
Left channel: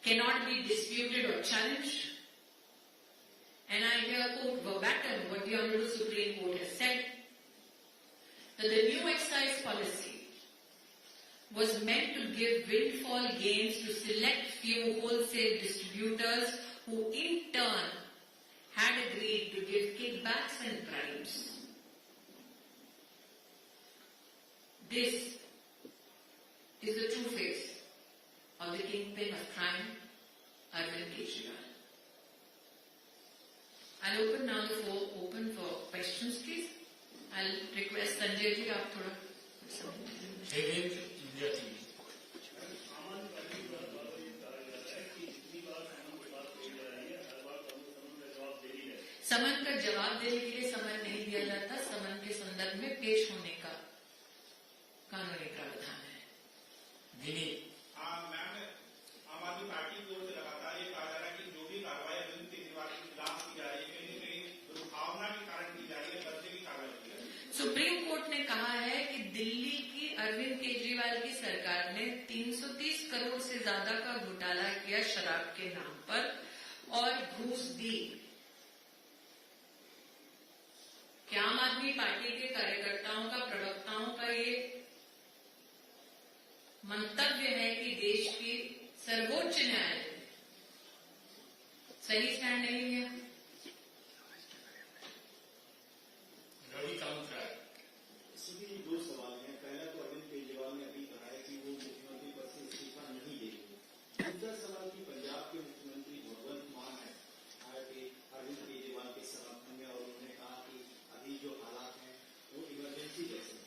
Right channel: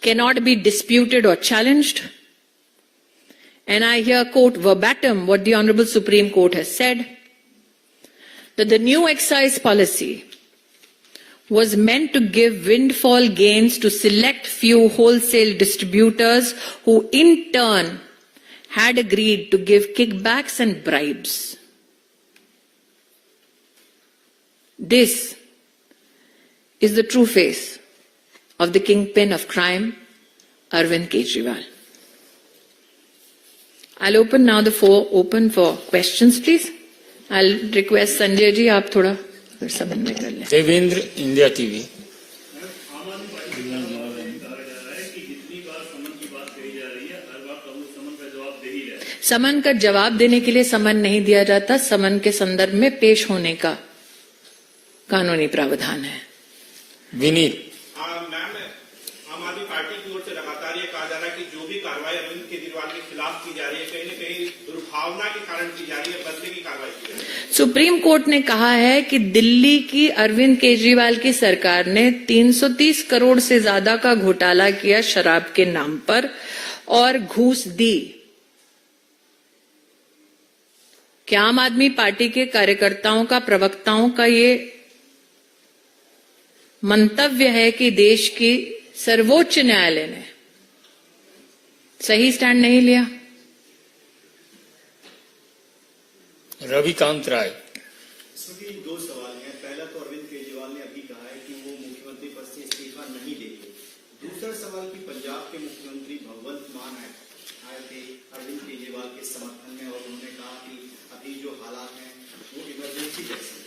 cannot be disputed or challenged. And I here quote verbatim what the Honorable Supreme Court has said, that the new excise policy was meant to give windfall gains to select few wholesale distributors who in turn had agreed to give kickbacks and bribes. This is the true face of the kingpin of crime, Arvind Kejriwal. I'll open now the floor open for questions, please. I'll request Sanjay ji, आप थोड़ा समन्वय कर लें. Devendra, India TV. समन का जवाब देने के लिए समन नहीं दिया जाता, समन के संदर्भ में पेश होने का कानूनी प्रावधान है. विनीत. मैम, आम आदमी पार्टी की ओर से लगातार ये कहा जा रहा है कि जो भी कार्रवाई अरविंद केजरीवाल के खिलाफ की जा रही है कहीं न कहीं दुर्भावना के कारण की जा रही है, बदले की कार्रवाई की जा रही है। सुप्रीम कोर्ट ने कहा है कि दिल्ली की अरविंद केजरीवाल की सरकार ने 330 करोड़ से ज्यादा का घोटाला किया शराब के नाम पर और घूस दी। क्या आम आदमी पार्टी के कार्यकर्ताओं का, प्रवक्ताओं का ये मंतव्य है कि देश की सर्वोच्च न्यायालय ने सही स्टैंड नहीं लिया? रविकांत राय। सभी दो सवाल हैं। पहला तो अरविंद केजरीवाल ने अभी कहा है कि वो मुख्यमंत्री पद से इस्तीफा नहीं देंगे। दूसरा सवाल कि पंजाब के मुख्यमंत्री भगवंत मान आए थे अरविंद केजरीवाल के समर्थन में और उन्होंने कहा कि अभी जो हालात हैं वो इमरजेंसी जैसे हैं।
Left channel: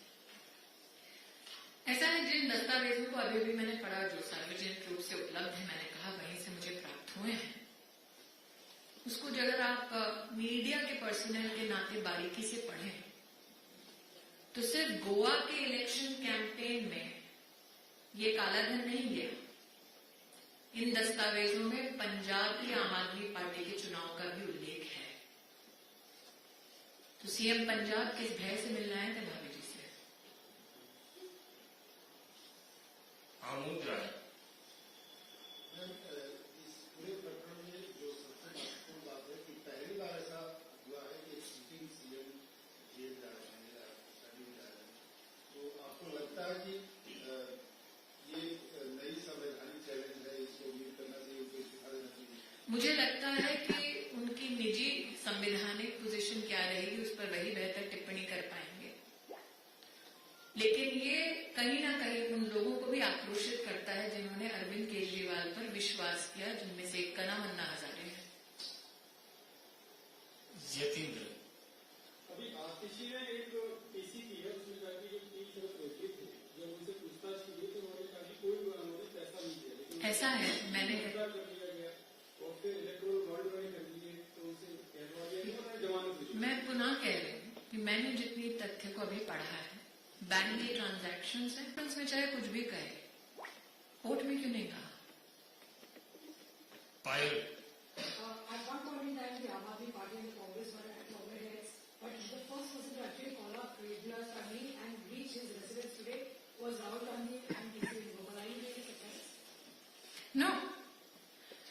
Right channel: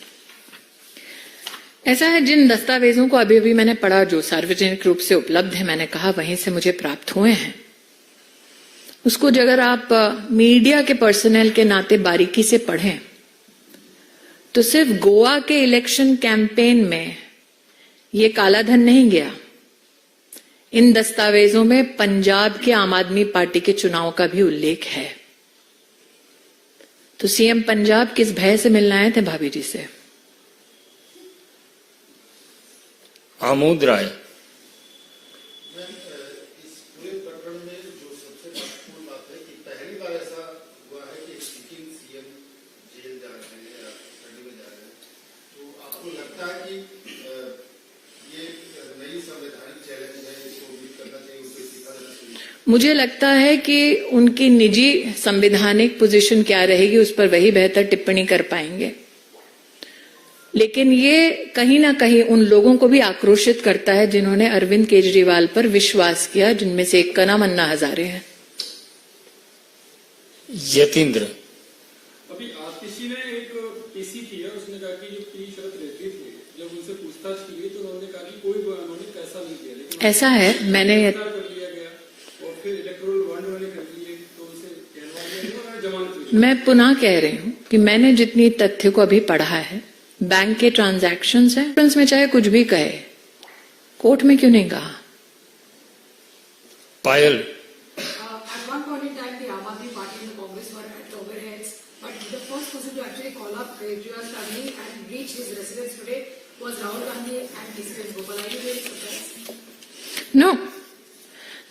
ऐसा है, जिन दस्तावेजों को अभी अभी मैंने पढ़ा जो सार्वजनिक रूप से उपलब्ध है, मैंने कहा वहीं से मुझे प्राप्त हुए हैं, उसको अगर आप मीडिया के पर्सनल के नाते बारीकी से पढ़ें तो सिर्फ गोवा के इलेक्शन कैंपेन में ये कालाधन नहीं गया। इन दस्तावेजों में पंजाब के आम आदमी पार्टी के चुनाव का भी उल्लेख है। तो सीएम पंजाब किस भय से मिलने आए थे भाभी जी से? आमोद राय। इस पूरे प्रकरण में जो सबसे महत्वपूर्ण बात है कि पहली बार ऐसा हुआ है कि सिटिंग सीएम जेल जा रहे हैं या कस्टडी में जा रहे हैं, तो आपको लगता है कि ये नई संवैधानिक चैलेंज है, इसको उम्मीद करना चाहिए, उनको इस्तीफा देना चाहिए? मुझे लगता है कि उनकी निजी संवैधानिक पोजीशन क्या रहेगी उस पर वही बेहतर टिप्पणी कर पाएंगे, लेकिन ये कहीं ना कहीं उन लोगों को भी आक्रोशित करता है जिन्होंने अरविंद केजरीवाल पर विश्वास किया, जिनमें से एक का नाम अन्ना हजारे है। यतीन्द्र। अभी आतिशी ने एक पीसी किया, उसने कहा कि जो पी शरत रहती थी, जब उनसे पूछताछ की गई तो उन्होंने कहा कि कोई उन्होंने पैसा नहीं दिया, लेकिन ऐसा है, मैंने कर लिया गया और फिर इलेक्टोरल बॉन्ड उन्होंने कर लिए तो उसे कहलवा दिया और जमानत हुई। मैं पुनः कह रही हूं कि मैंने जितनी तथ्य को अभी पढ़ा है, बैंक के ट्रांजैक्शंस हैं, में चाहे कुछ भी कहे, कोर्ट में क्यों नहीं कहा? पायल। At one point in time, the Aam Aadmi Party and the Congress were at loggerheads, but the first person to actually call up Kejriwal's family and reach his residence today was Rahul Gandhi and KC Gopal. Are you really surprised? No.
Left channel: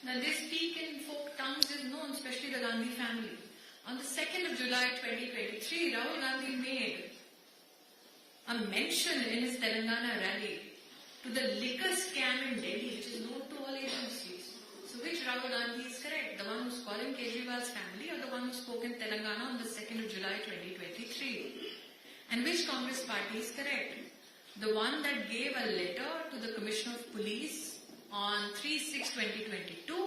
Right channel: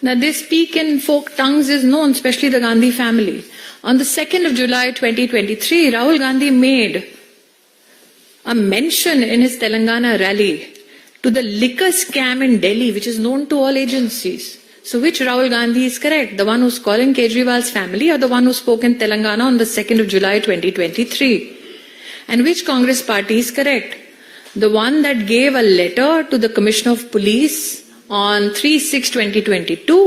Now this speak in folk tongues is known, especially the Gandhi family. On the 2nd of July 2023, Rahul Gandhi made a mention in his Telangana rally to the liquor scam in Delhi, which is known to all agencies. So which Rahul Gandhi is correct? The one who's calling Kejriwal's family or the one who spoke in Telangana on the 2nd of July 2023? And which Congress party is correct? The one that gave a letter to the Commissioner of Police on 3/6/2022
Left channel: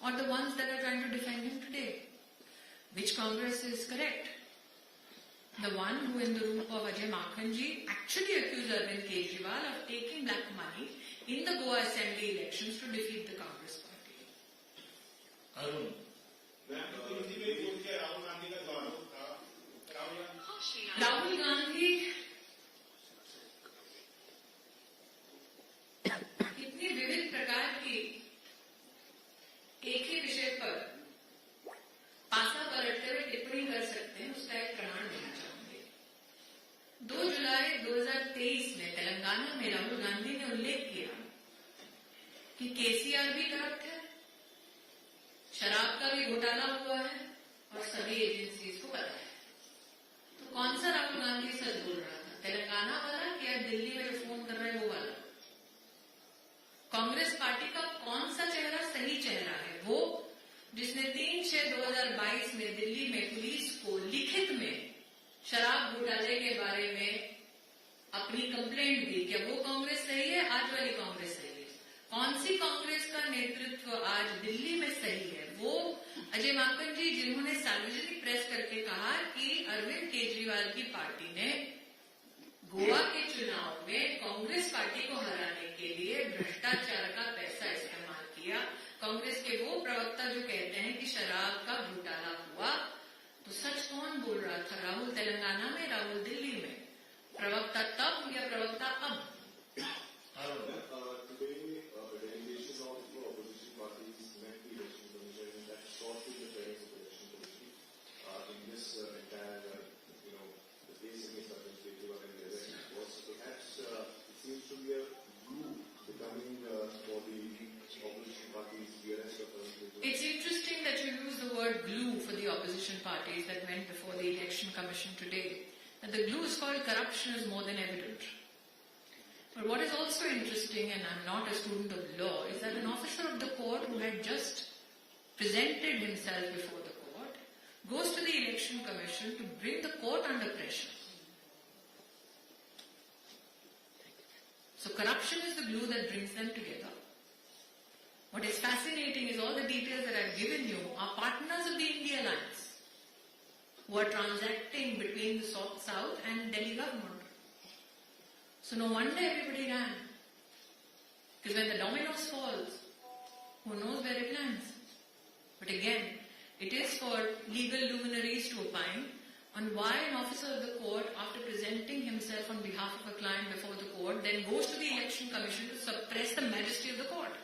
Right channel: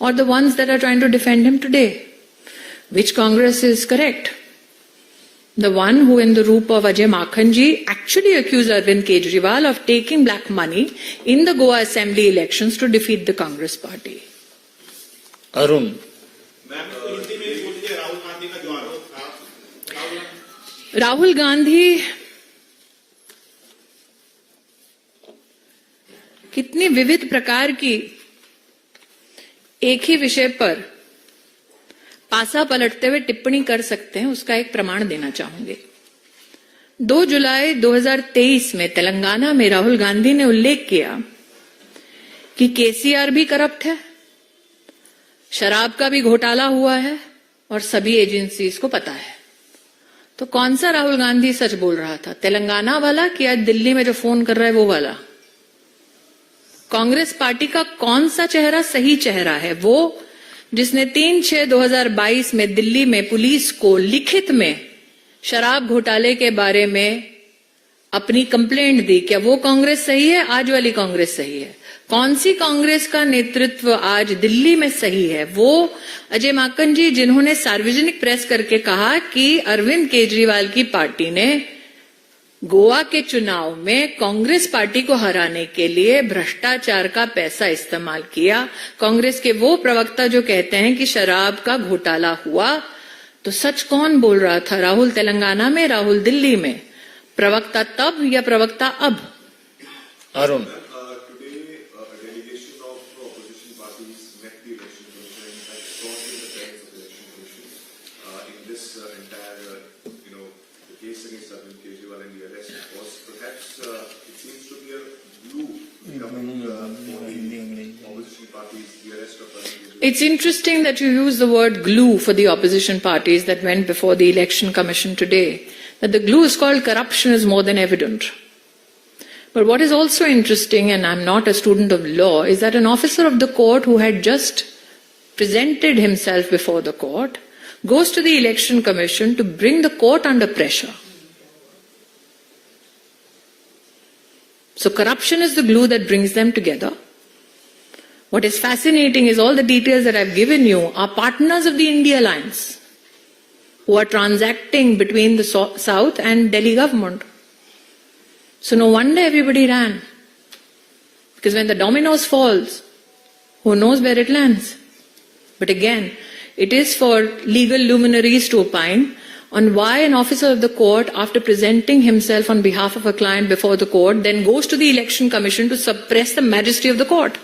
or the ones that are trying to defend him today? Which Congress is correct? The one who in the roop of Ajay Makhanji actually accused Arvind Kejriwal of taking black money in the Goa Assembly elections to defeat the Congress party. Arun. Ma'am तो हिंदी में बोल दीजिए राहुल गांधी का जो आरोप था। राहुल गांधी कितनी विविध प्रकार की एक ही विषय पर पासा पलटते हुए टिप्पणी कर सकते हैं, उसका एक प्रमाण देना चाहूंगी। 2 जुलाई 2023 में तेलंगाना में राहुल गांधी ने उल्लेख किया कि केसीआर भी करप्ट है, शराब का भी घोटाला हुआ है और सभी एजेंसीज को पता है। तो कौन सा राहुल गांधी सच बोल रहा था, तेलंगाना वाला कि आज दिल्ली में जो फोन कर रहा है वो वाला? कांग्रेस पार्टी का कौन सा चेहरा सही चेहरा है? वो जिसने 3/6/2022 में दिल्ली में पुलिस को लिखित में शराब घोटाले के बारे में अपनी कंप्लेंट दी। क्या वो कांग्रेस सही है? आज वाली कांग्रेस सही है? कौन सी कांग्रेस का नेतृत्व आज दिल्ली में सही है? वो अजय माकन जी जिन्होंने सार्वजनिक प्रेस करके कहा कि अरविंद केजरीवाल की पार्टी ने गोवा के चुनाव में कांग्रेस पार्टी को हराने के लिए भ्रष्टाचार का पैसा इस्तेमाल किया। कांग्रेस के वो प्रवक्ता जो कहते हैं कि शराब का घोटाला हुआ, तो सच कौन बोल रहा था? राहुल तेलंगाना में, राहुल दिल्ली में? प्रवक्ता तब या प्रवक्ता अब? Arun. against Arvind Kejriwal and the arrest was perhaps it seems to be a glue becoming for the opposition parties, the arrest of Arvind Kejriwal. It's interesting that you use the word glue for the opposition parties that went before the Election Commission today. That the glue is called corruption is more than evident. But what is also interesting, and I'm not a student of law, is that an officer of the court who had just presented himself before the court goes to the Election Commission to bring the court under pressure. So corruption is the glue that brings them together. What is fascinating is all the details that I've given you are partners of the India Alliance who are transacting between the South and Delhi government. So no wonder everybody ran. Because when the dominoes falls, who knows where it lands? But again, it is for legal luminaries to opine on why an officer of the court, after presenting himself on behalf of a client before the court, then goes to the Election Commission to suppress the majesty of the court.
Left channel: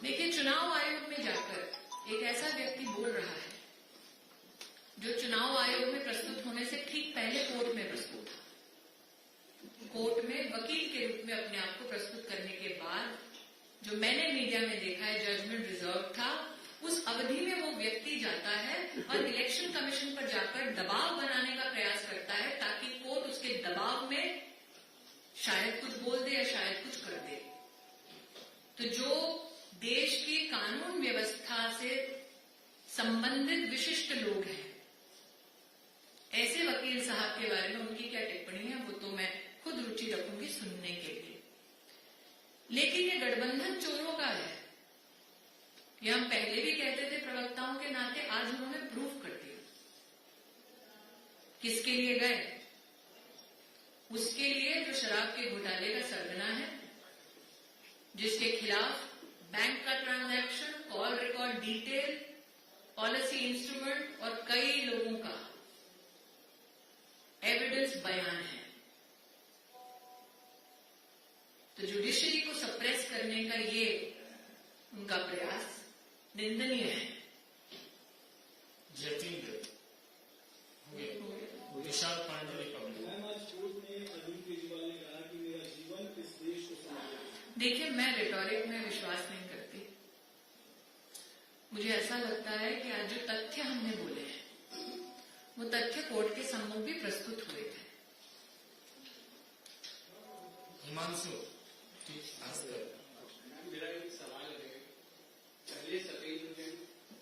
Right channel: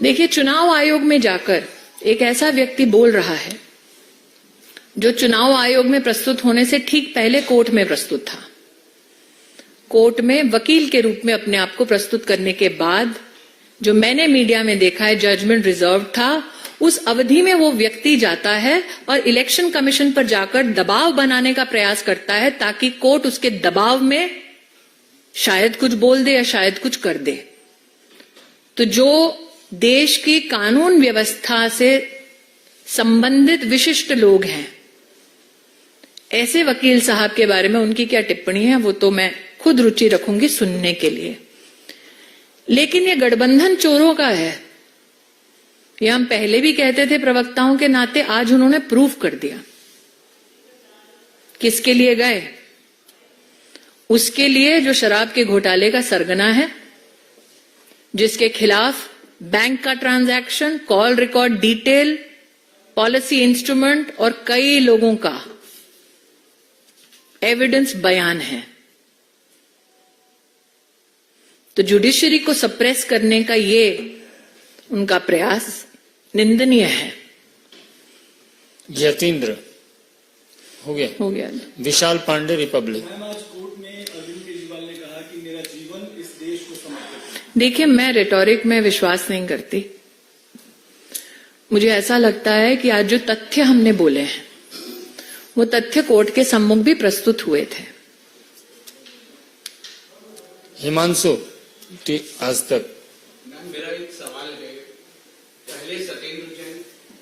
देखिए, चुनाव आयोग में जाकर एक ऐसा व्यक्ति बोल रहा है जो चुनाव आयोग में प्रस्तुत होने से ठीक पहले कोर्ट में प्रस्तुत था। कोर्ट में वकील के रूप में अपने आप को प्रस्तुत करने के बाद जो मैंने मीडिया में देखा है जजमेंट रिजर्व था, उस अवधि में वो व्यक्ति जाता है और इलेक्शन कमीशन पर जाकर दबाव बनाने का प्रयास करता है ताकि कोर्ट उसके दबाव में शायद कुछ बोल दे या शायद कुछ कर दे। तो जो देश की कानून व्यवस्था से संबंधित विशिष्ट लोग हैं, ऐसे वकील साहब के बारे में उनकी क्या टिप्पणी है वो तो मैं खुद रुचि रखूंगी सुनने के लिए। लेकिन ये गठबंधन चोरों का है, ये हम पहले भी कहते थे प्रवक्ताओं के नाते, आज उन्होंने प्रूव कर दिया। किसके लिए गए? उसके लिए जो शराब के घोटाले का सरगना है, जिसके खिलाफ बैंक का transaction, call record detail, policy instrument और कई लोगों का एविडेंस बयान है। तो जुडिशरी को सप्रेस करने का ये उनका प्रयास निंदनीय है। यतीन्द्र हो गया। विशाल पांडे, रिपब्लिक। आज कोर्ट में अरविंद केजरीवाल ने कहा कि मेरा जीवन इस देश को समर्पित है। देखिए, मैं रेटोरिक में विश्वास नहीं करती। मुझे ऐसा लगता है कि आज जो तथ्य हमने बोले हैं वो तथ्य कोर्ट के सम्मुख भी प्रस्तुत हुए थे। हिमांशु, आज तक। मैम, मेरा एक सवाल है। पहले सत्येंद्र जैन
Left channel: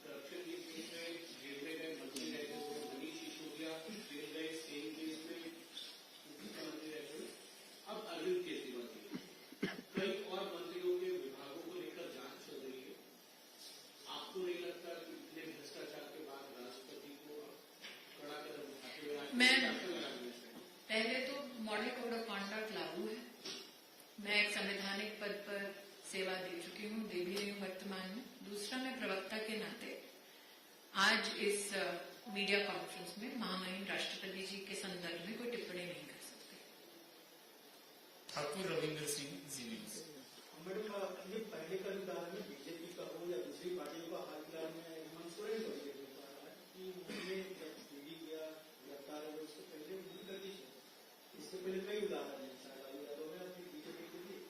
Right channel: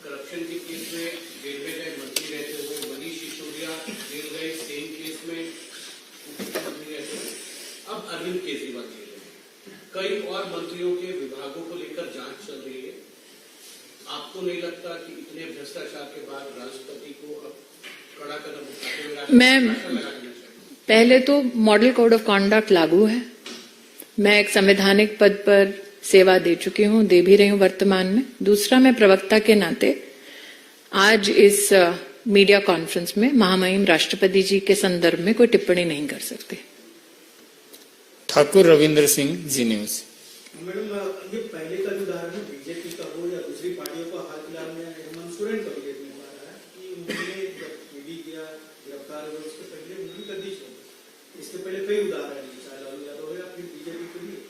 करप्शन के केस में जेल में गए मंत्री रहते हुए, मनीष सिसोदिया जेल गए सेम केस में मुख्यमंत्री रहते हुए, अब अरविंद केजरीवाल जेल। कई और मंत्रियों के विभागों को लेकर जांच चल रही है। आपको नहीं लगता कि इतने भ्रष्टाचार के बाद राष्ट्रपति को अब कड़ा कदम उठाते हुए मैं पहले तो मॉडल कोड ऑफ कॉन्डक्ट लागू है। मैं एक संवैधानिक पद पर सेवा दे चुकी हूं, दे भी रही हूं वर्तमान में। दूसरा, मैं प्रवक्ता के नाते आज इस मीडिया कॉन्फ्रेंस में महामहिम राष्ट्रपति जी के संदर्भ में कोई टिप्पणी नहीं कर सकते। ठाकुर रविंद्र सिंह, जी न्यूज। मैडम, ये पहले का उदाहरण बीजेपी का हो या दूसरी पार्टियों का, हाल फिलहाल में हेमंत सोरेन का भी देखने को आ रहा है कि उन्होंने ईडी किया, गिरफ्तार हुए, उसके पहले उन्होंने गद्दी छोड़ी। इसके पहले कई उदाहरण हैं, चाहे लालू यादव है या फिर बीजेपी के लिए।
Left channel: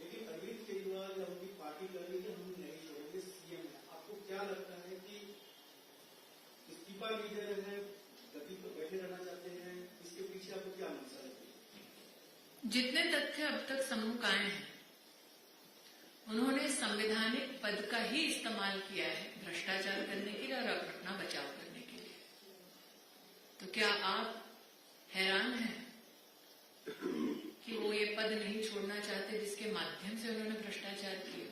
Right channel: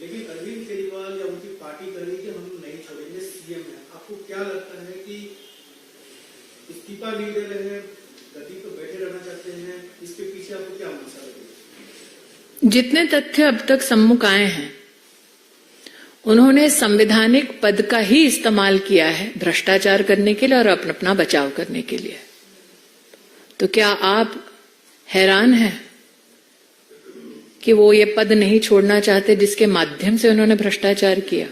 लेकिन अरविंद केजरीवाल या उनकी पार्टी कर रही है कि हम नहीं छोड़ेंगे, सीएम है। आपको क्या लगता है कि इस्तीफा नहीं दे रहे हैं, गद्दी पर बैठे रहना चाहते हैं, इसके पीछे आपको क्या मंशा लगी? जितने तथ्य अब तक सम्मुख आए हैं उन्होंने संवैधानिक पद का ही इस्तेमाल किया है भ्रष्टाचार करने के लिए और अपना बचाव करने के लिए। तो क्या आप हैरान हैं कि वो ये पद नहीं छोड़ना चाहते जिसके माध्यम से उन्होंने भ्रष्टाचार किया?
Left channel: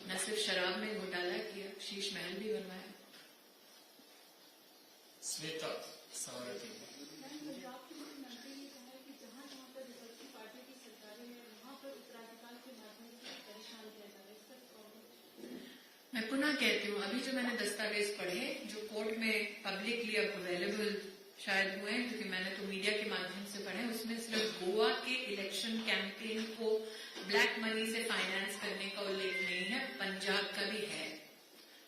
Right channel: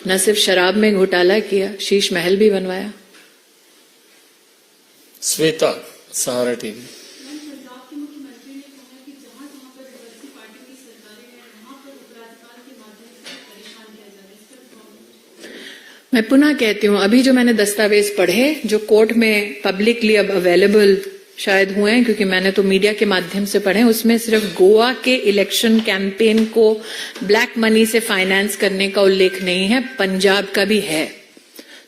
न सिर्फ शराब में घोटाला किया, शीश महल भी बनवाया। श्वेता, सहारा टीवी। मैं पुनः कहती हूं, अभी जो मैंने दस्तावेज पढ़े जो कोर्ट में पब्लिकली अब अवेलेबल शायद हुए हैं, क्योंकि मैंने तो मीडिया के माध्यम से पढ़े, उसमें सिर्फ गोवा के इलेक्शन कैंपेन को ब्लैक मनी से फाइनेंस करने का उल्लेख नहीं है, पंजाब का भी है।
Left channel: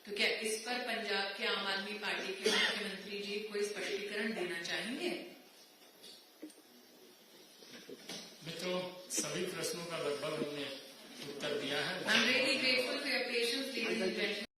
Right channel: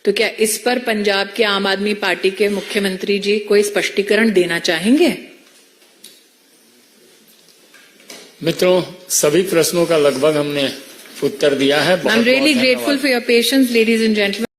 तो क्या इस पर पंजाब के आम आदमी पार्टी के मुख्यमंत्री जी कोई स्पष्टीकरण देना चाहेंगे? मित्रों, सभी प्रश्नों का लगभग हमने उत्तर दिया है। I am really grateful for your patience, ladies and gentleman.